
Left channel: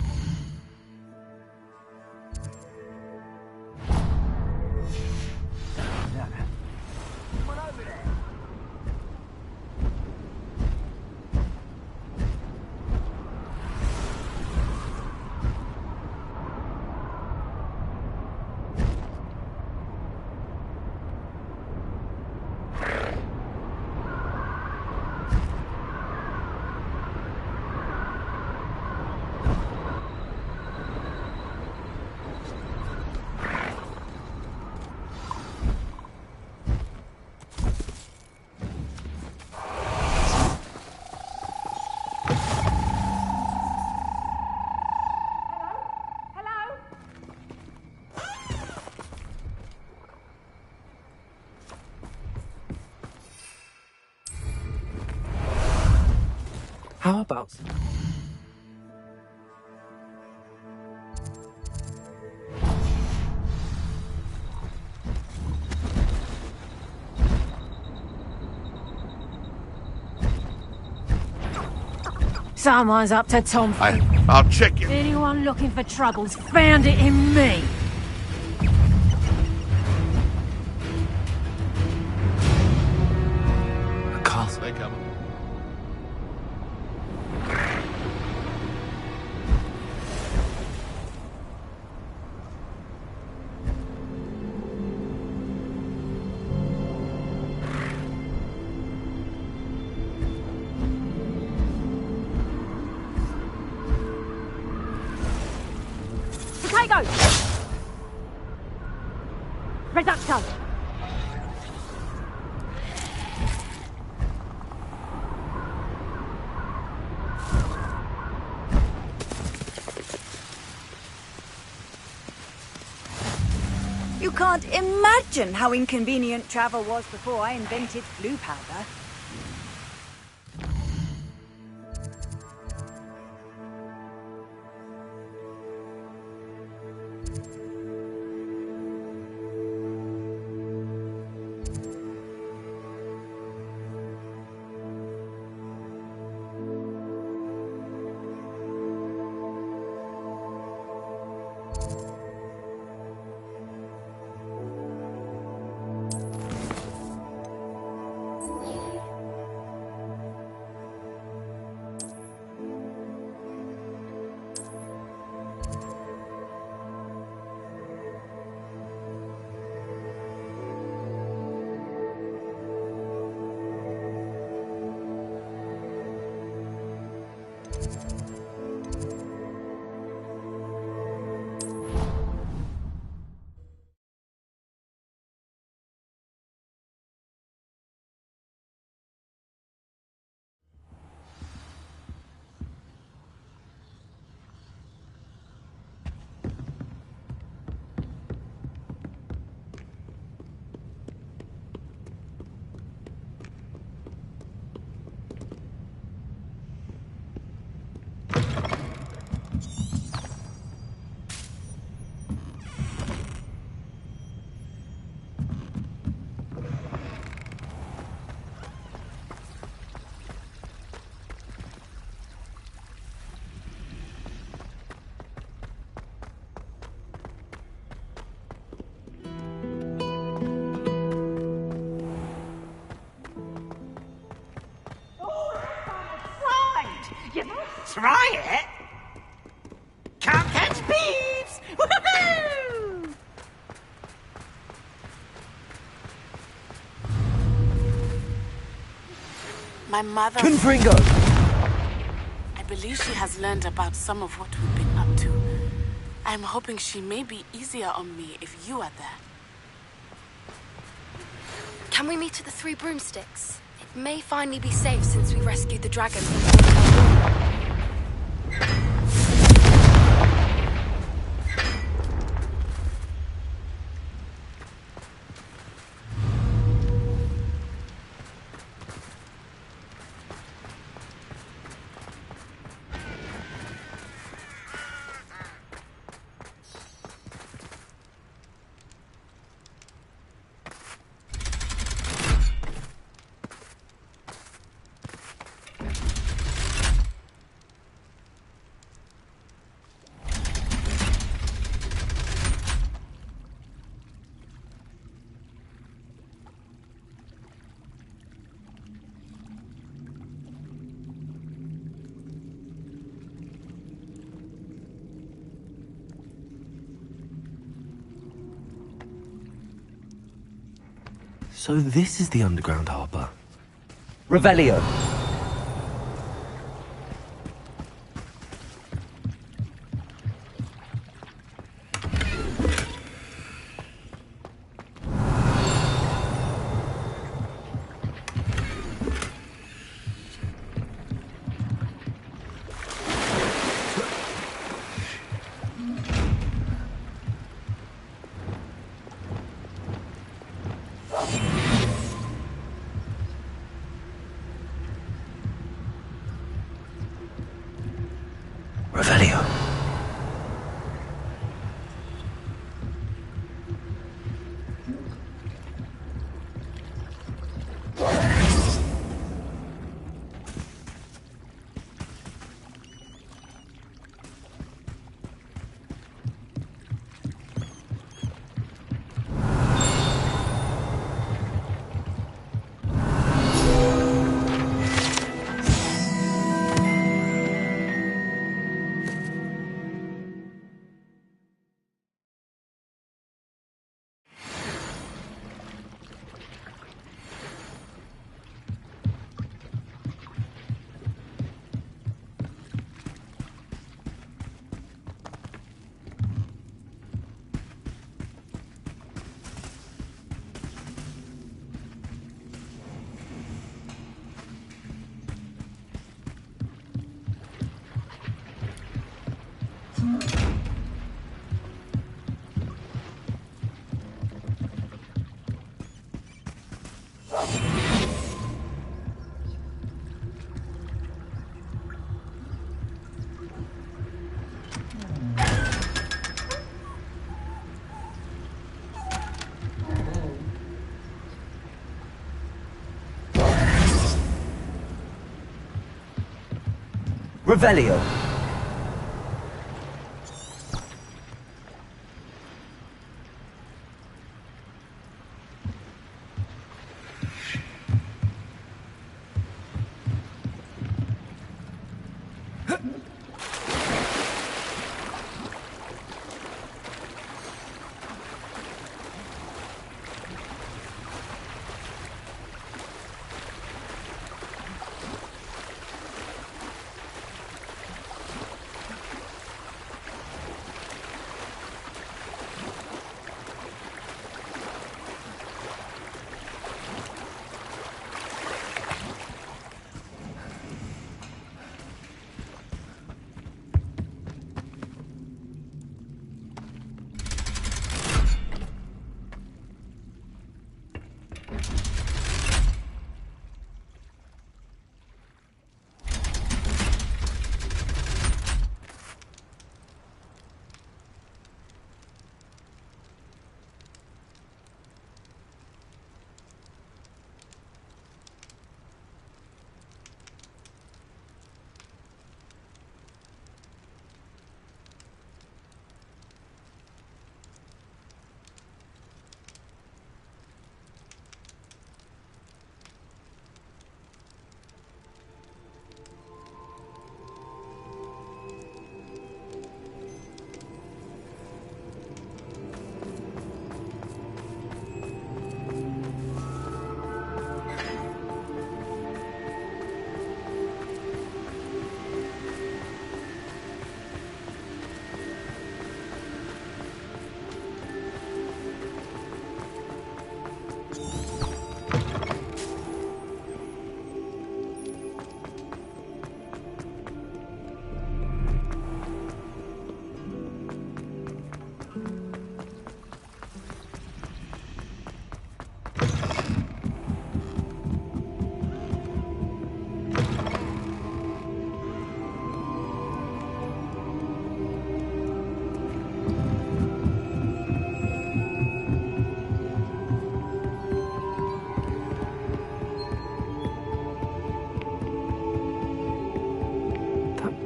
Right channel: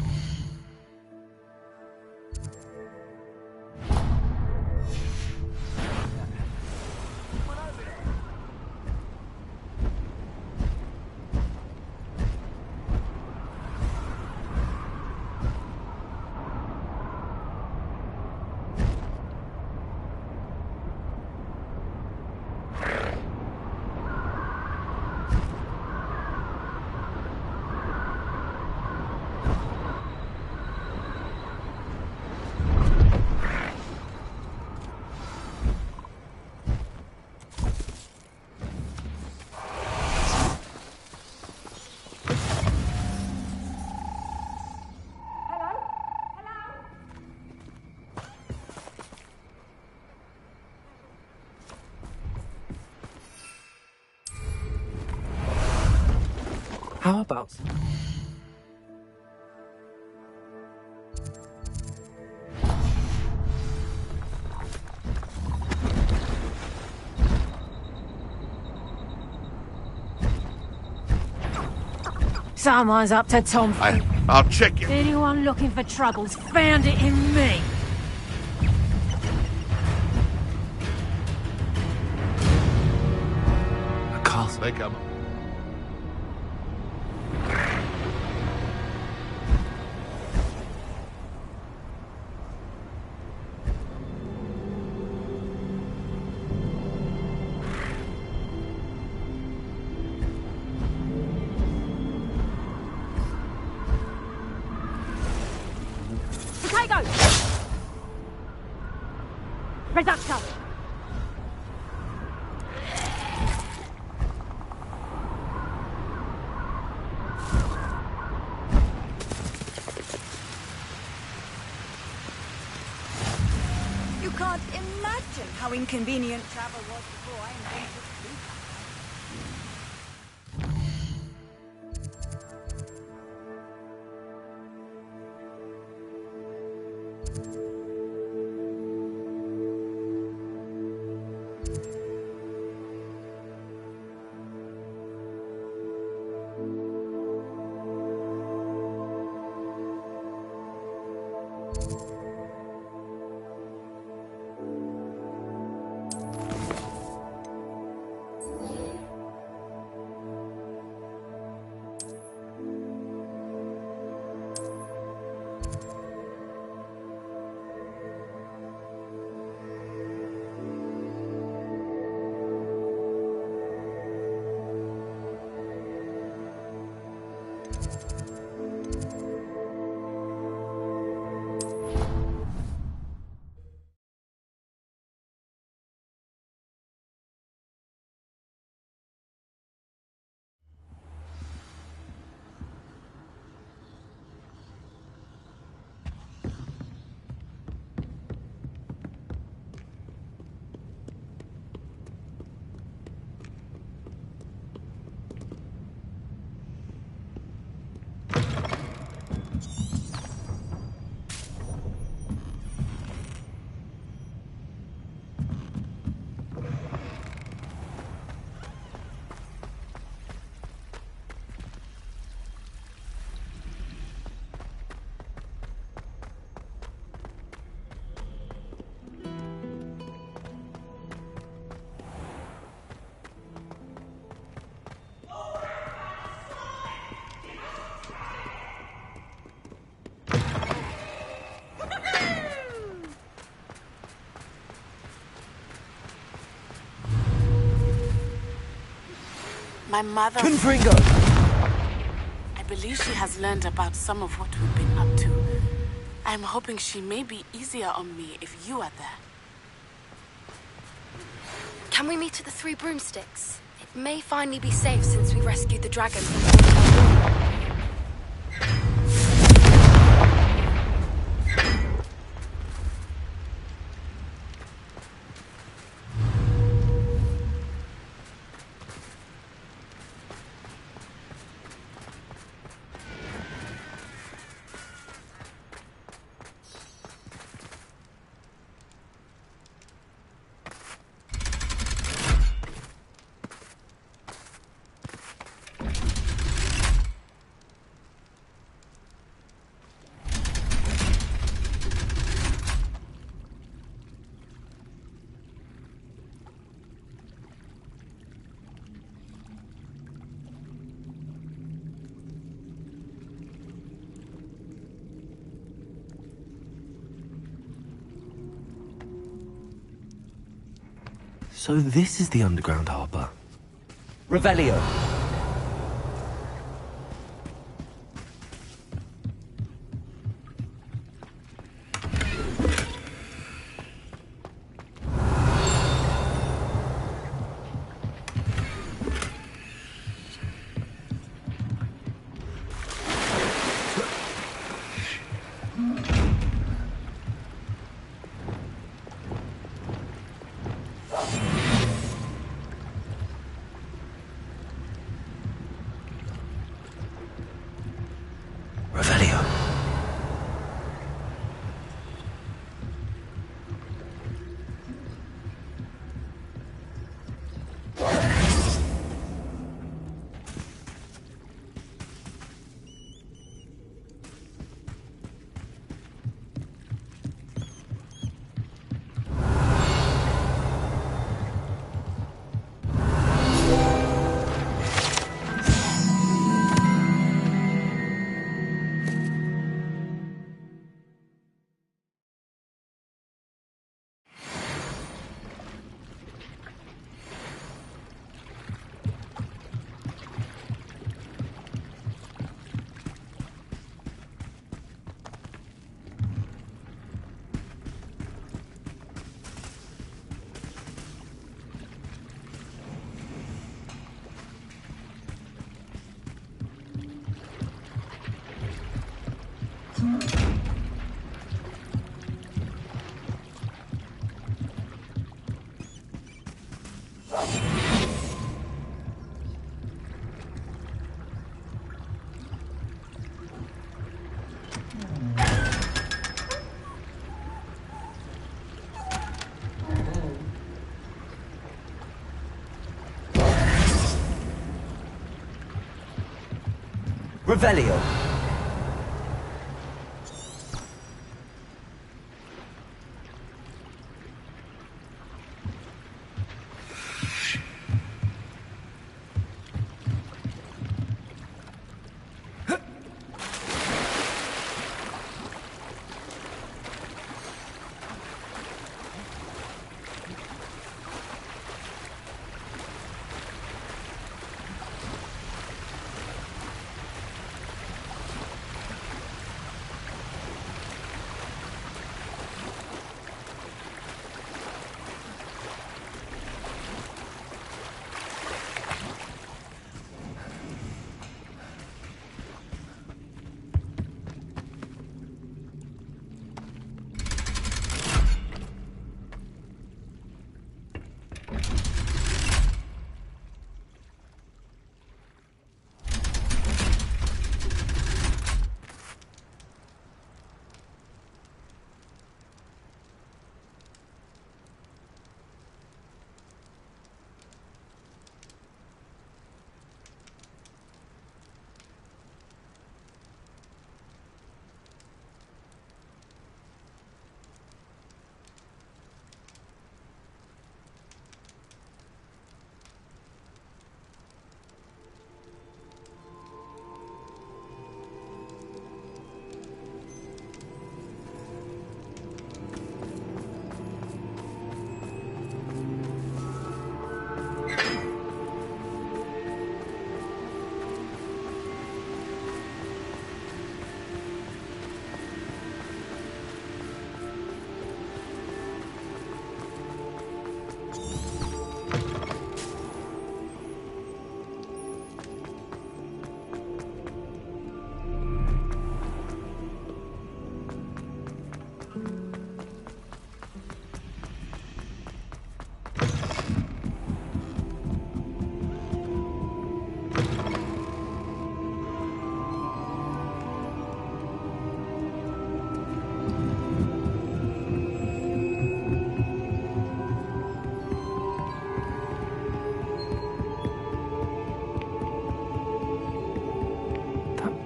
How about... Someone's up to tomfoolery. I'll check it. Anyone looking for troubles found it in me. A castle. They come. Potato! Reducto! You can't imagine how inconvenient travel was before I invented blue powder. Try it? Can't catch thieves! Woohoo! My mother... Confringo! I believe she has learned about some of what we've been up to. I'm hoping she may be easier on me if you are there. Can we meet at the Three Broomsticks? It may finally be safe since we rescued the dragon from the hotel. So this is the underground harbour. Revelio. Revelio. Revelio.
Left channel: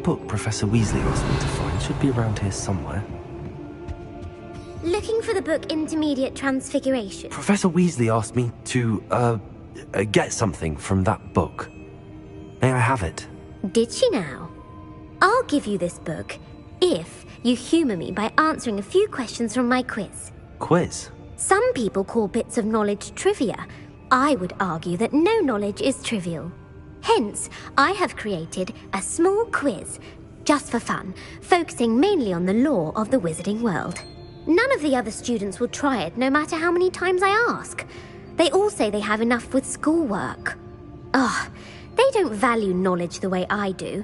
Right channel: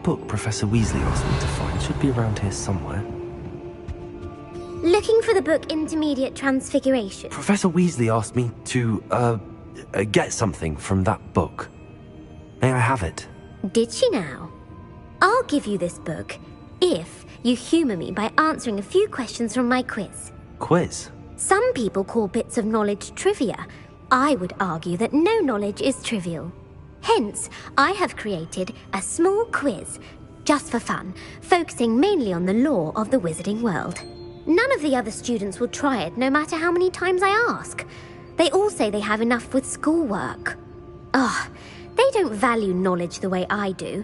Book Professor Weasley asked me to find should be around here somewhere. Looking for the book Intermediate Transfiguration. Professor Weasley asked me to, get something from that book. May I have it? Did she now? I'll give you this book if you humour me by answering a few questions from my quiz. Quiz? Some people call bits of knowledge trivia. I would argue that no knowledge is trivial. Hence, I have created a small quiz, just for fun, focusing mainly on the lore of the wizarding world. None of the other students will try it, no matter how many times I ask. They all say they have enough with schoolwork. Ugh, they don't value knowledge the way I do.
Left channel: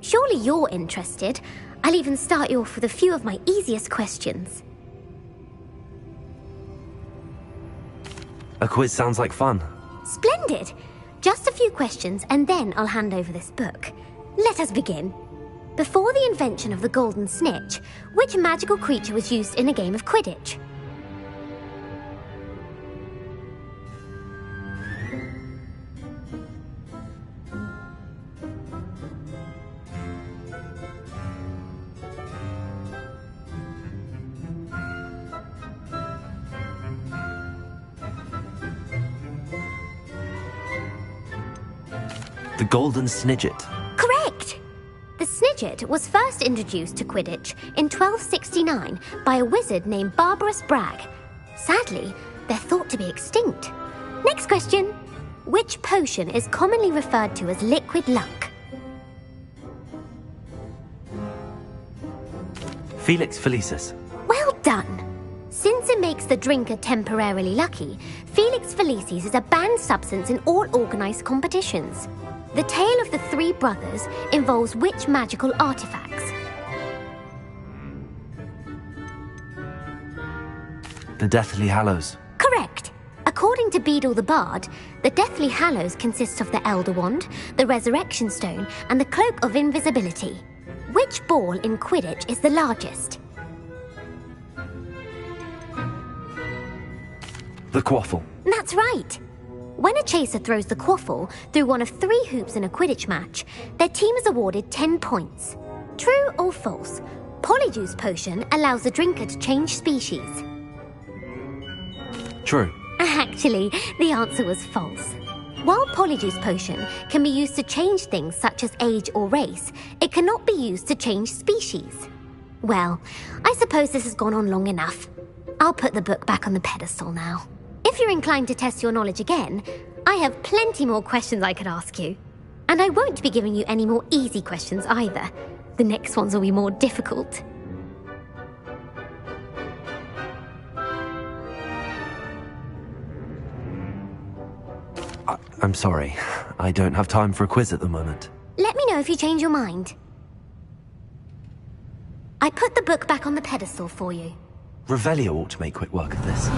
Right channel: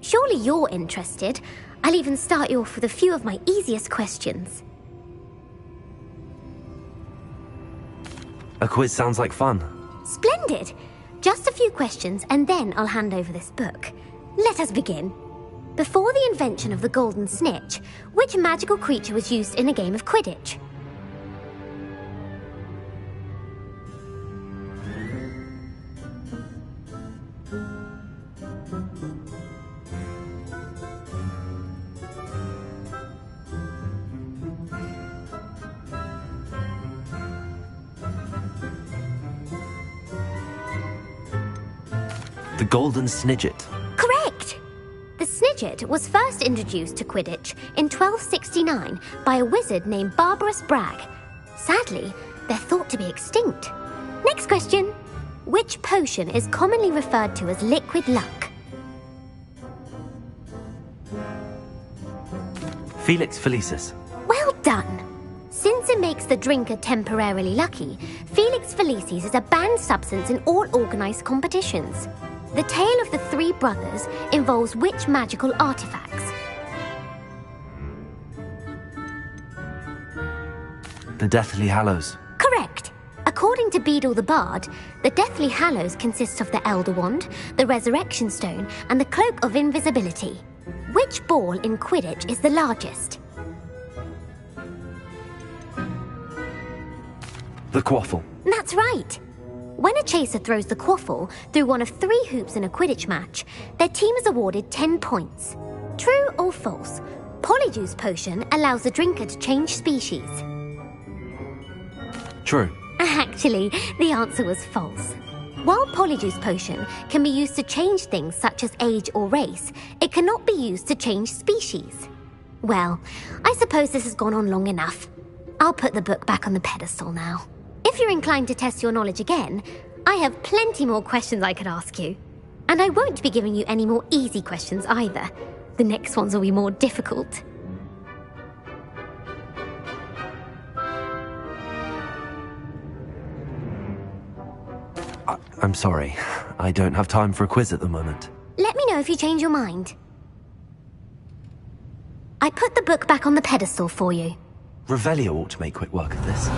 Surely you're interested. I'll even start you off with a few of my easiest questions. A quiz sounds like fun. Splendid! Just a few questions, and then I'll hand over this book. Let us begin. Before the invention of the golden snitch, which magical creature was used in a game of Quidditch? The Golden Snidget. Correct! The Snidget was first introduced to Quidditch in 1269 by a wizard named Barbarous Bragg. Sadly, they're thought to be extinct. Next question. Which potion is commonly referred to as liquid luck? Felix Felicis. Well done! Since it makes the drinker temporarily lucky, Felix Felicis is a banned substance in all organised competitions. The tale of the three brothers involves which magical artifacts? The Deathly Hallows. Correct. According to Beadle the Bard, the Deathly Hallows consist of the Elder Wand, the Resurrection Stone, and the Cloak of Invisibility. Which ball in Quidditch is the largest? The quaffle. That's right. When a chaser throws the quaffle through one of 3 hoops in a Quidditch match, their team is awarded 10 points. True or false? Polyjuice Potion allows the drinker to change species. True. Actually, the answer was false. While Polyjuice Potion can be used to change things such as age or race, it cannot be used to change species. Well, I suppose this has gone on long enough. I'll put the book back on the pedestal now. If you're inclined to test your knowledge again, I have plenty more questions I could ask you. And I won't be giving you any more easy questions either. The next ones will be more difficult. I'm sorry. I don't have time for a quiz at the moment. Let me know if you change your mind. I put the book back on the pedestal for you. Revelio ought to make quick work of this.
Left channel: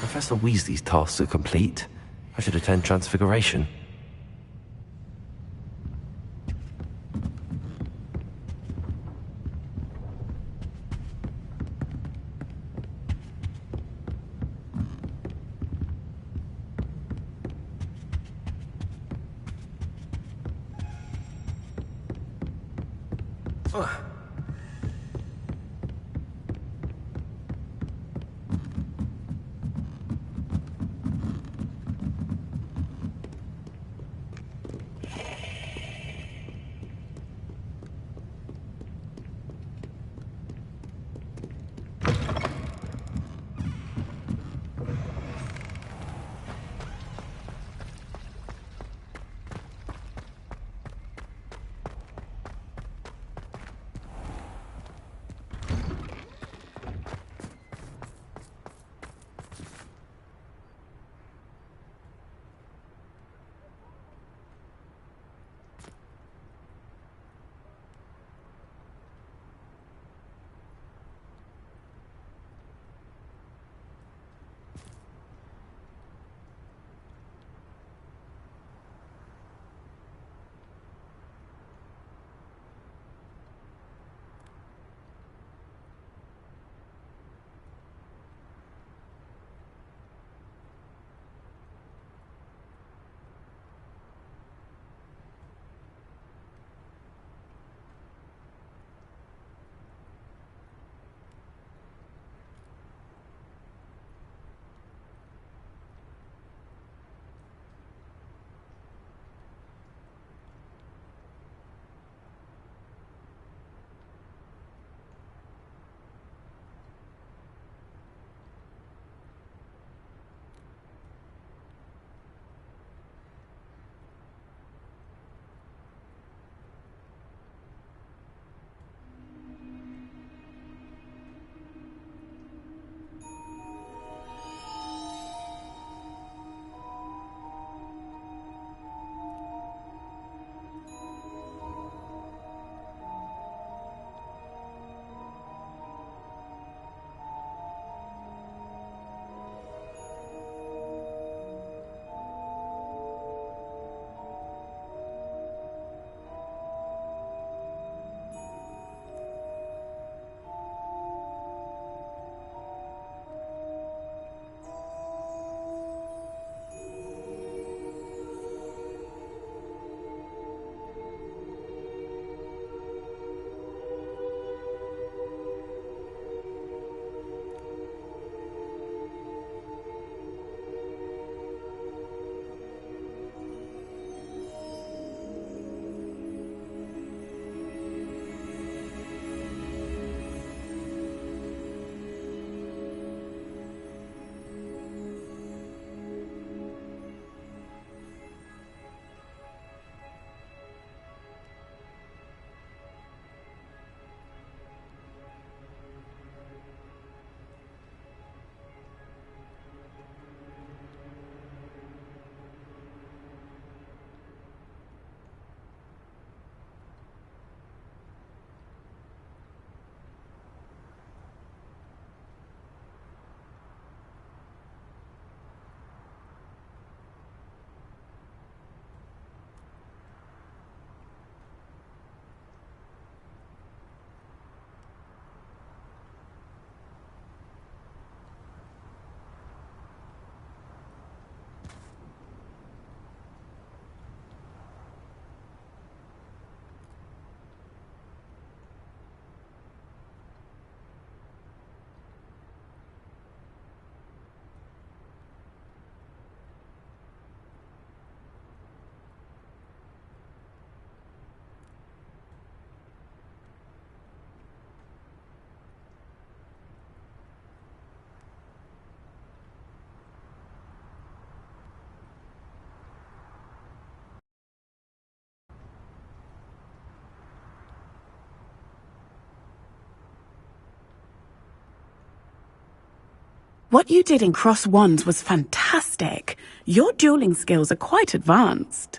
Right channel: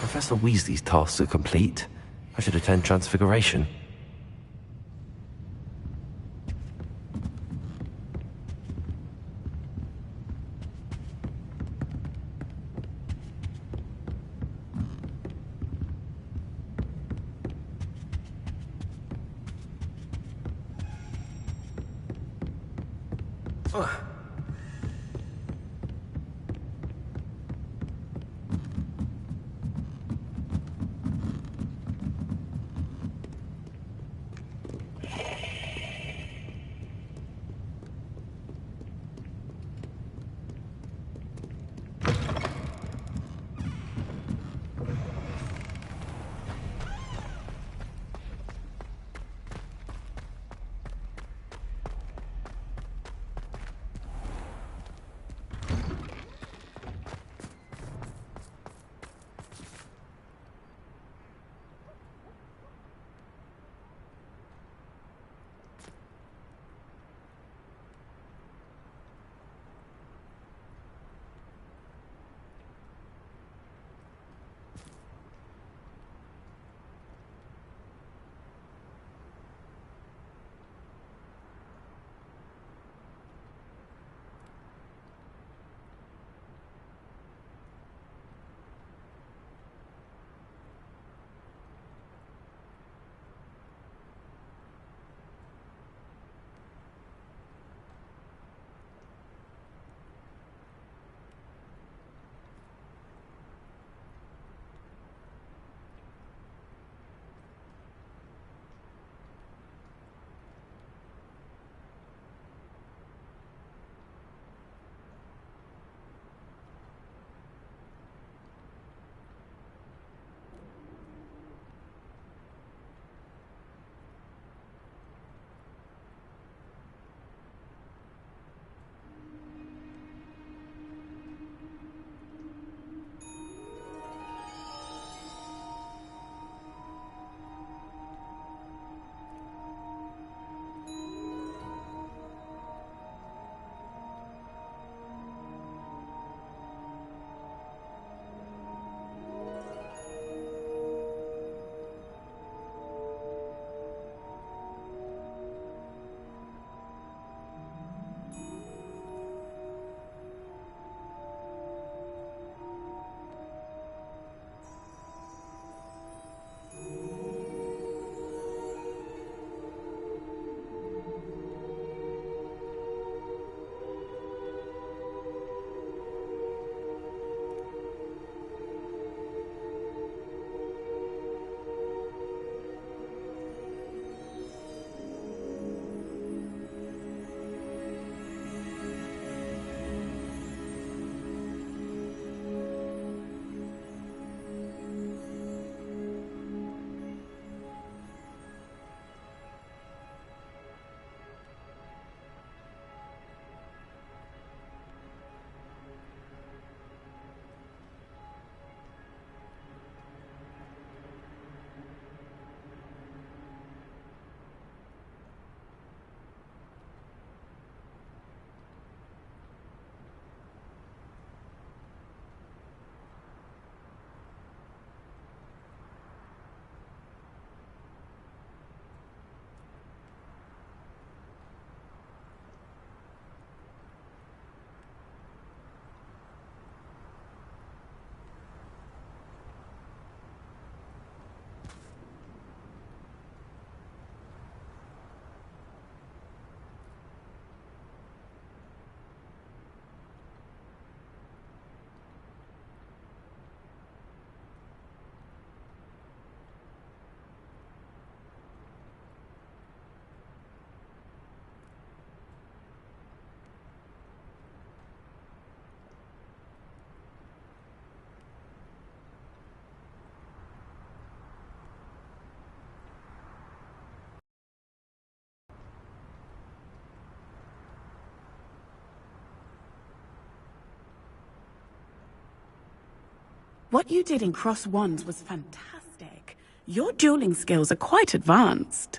Professor Weasley's tasks are complete. I should attend Transfiguration. What you did in Cross Wands was fantastic. Your dueling skills are quite advanced.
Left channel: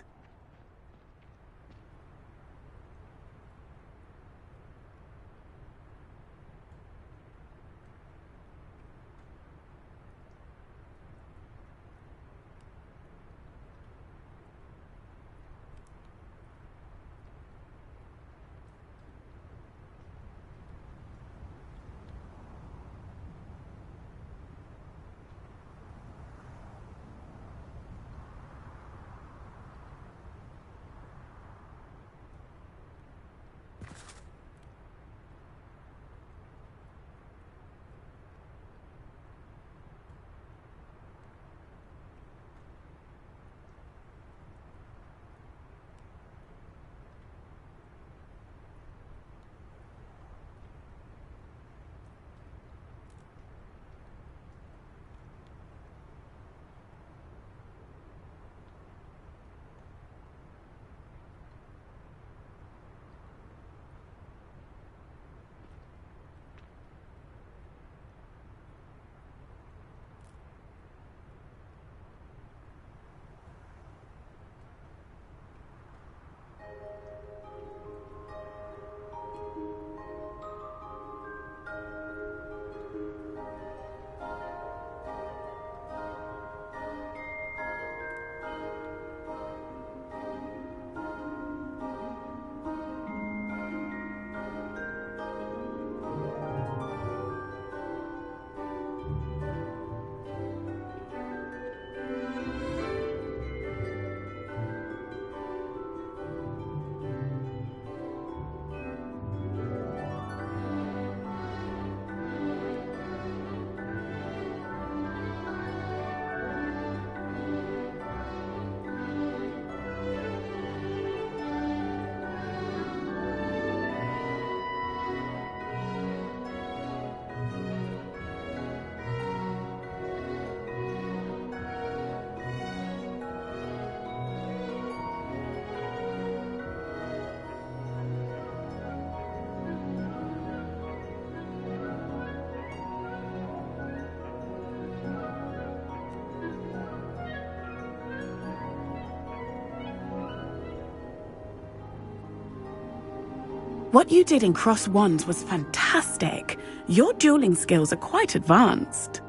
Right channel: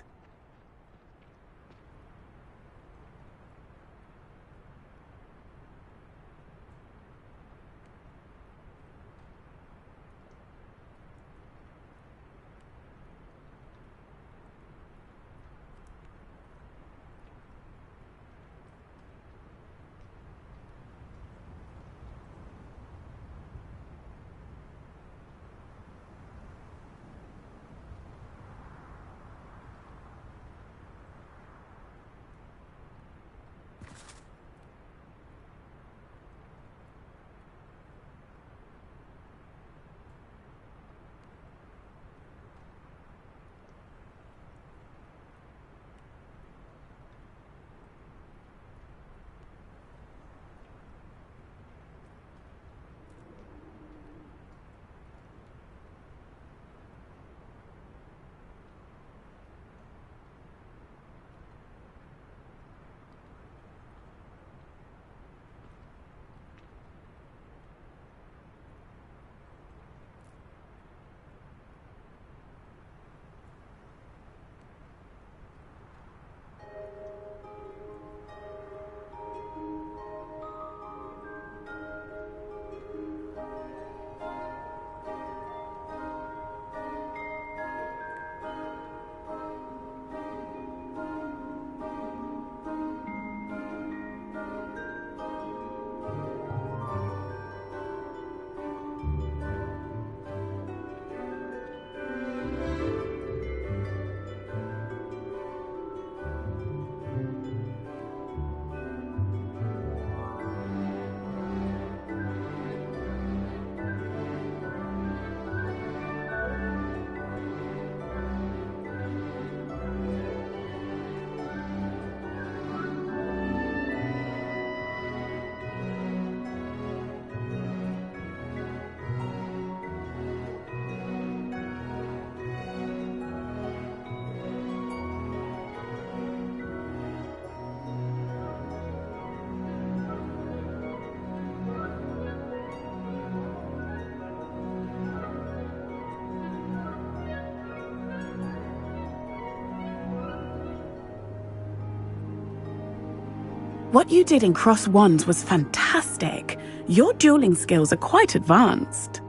What you did in Cross Wands was fantastic. Your dueling skills are quite advanced.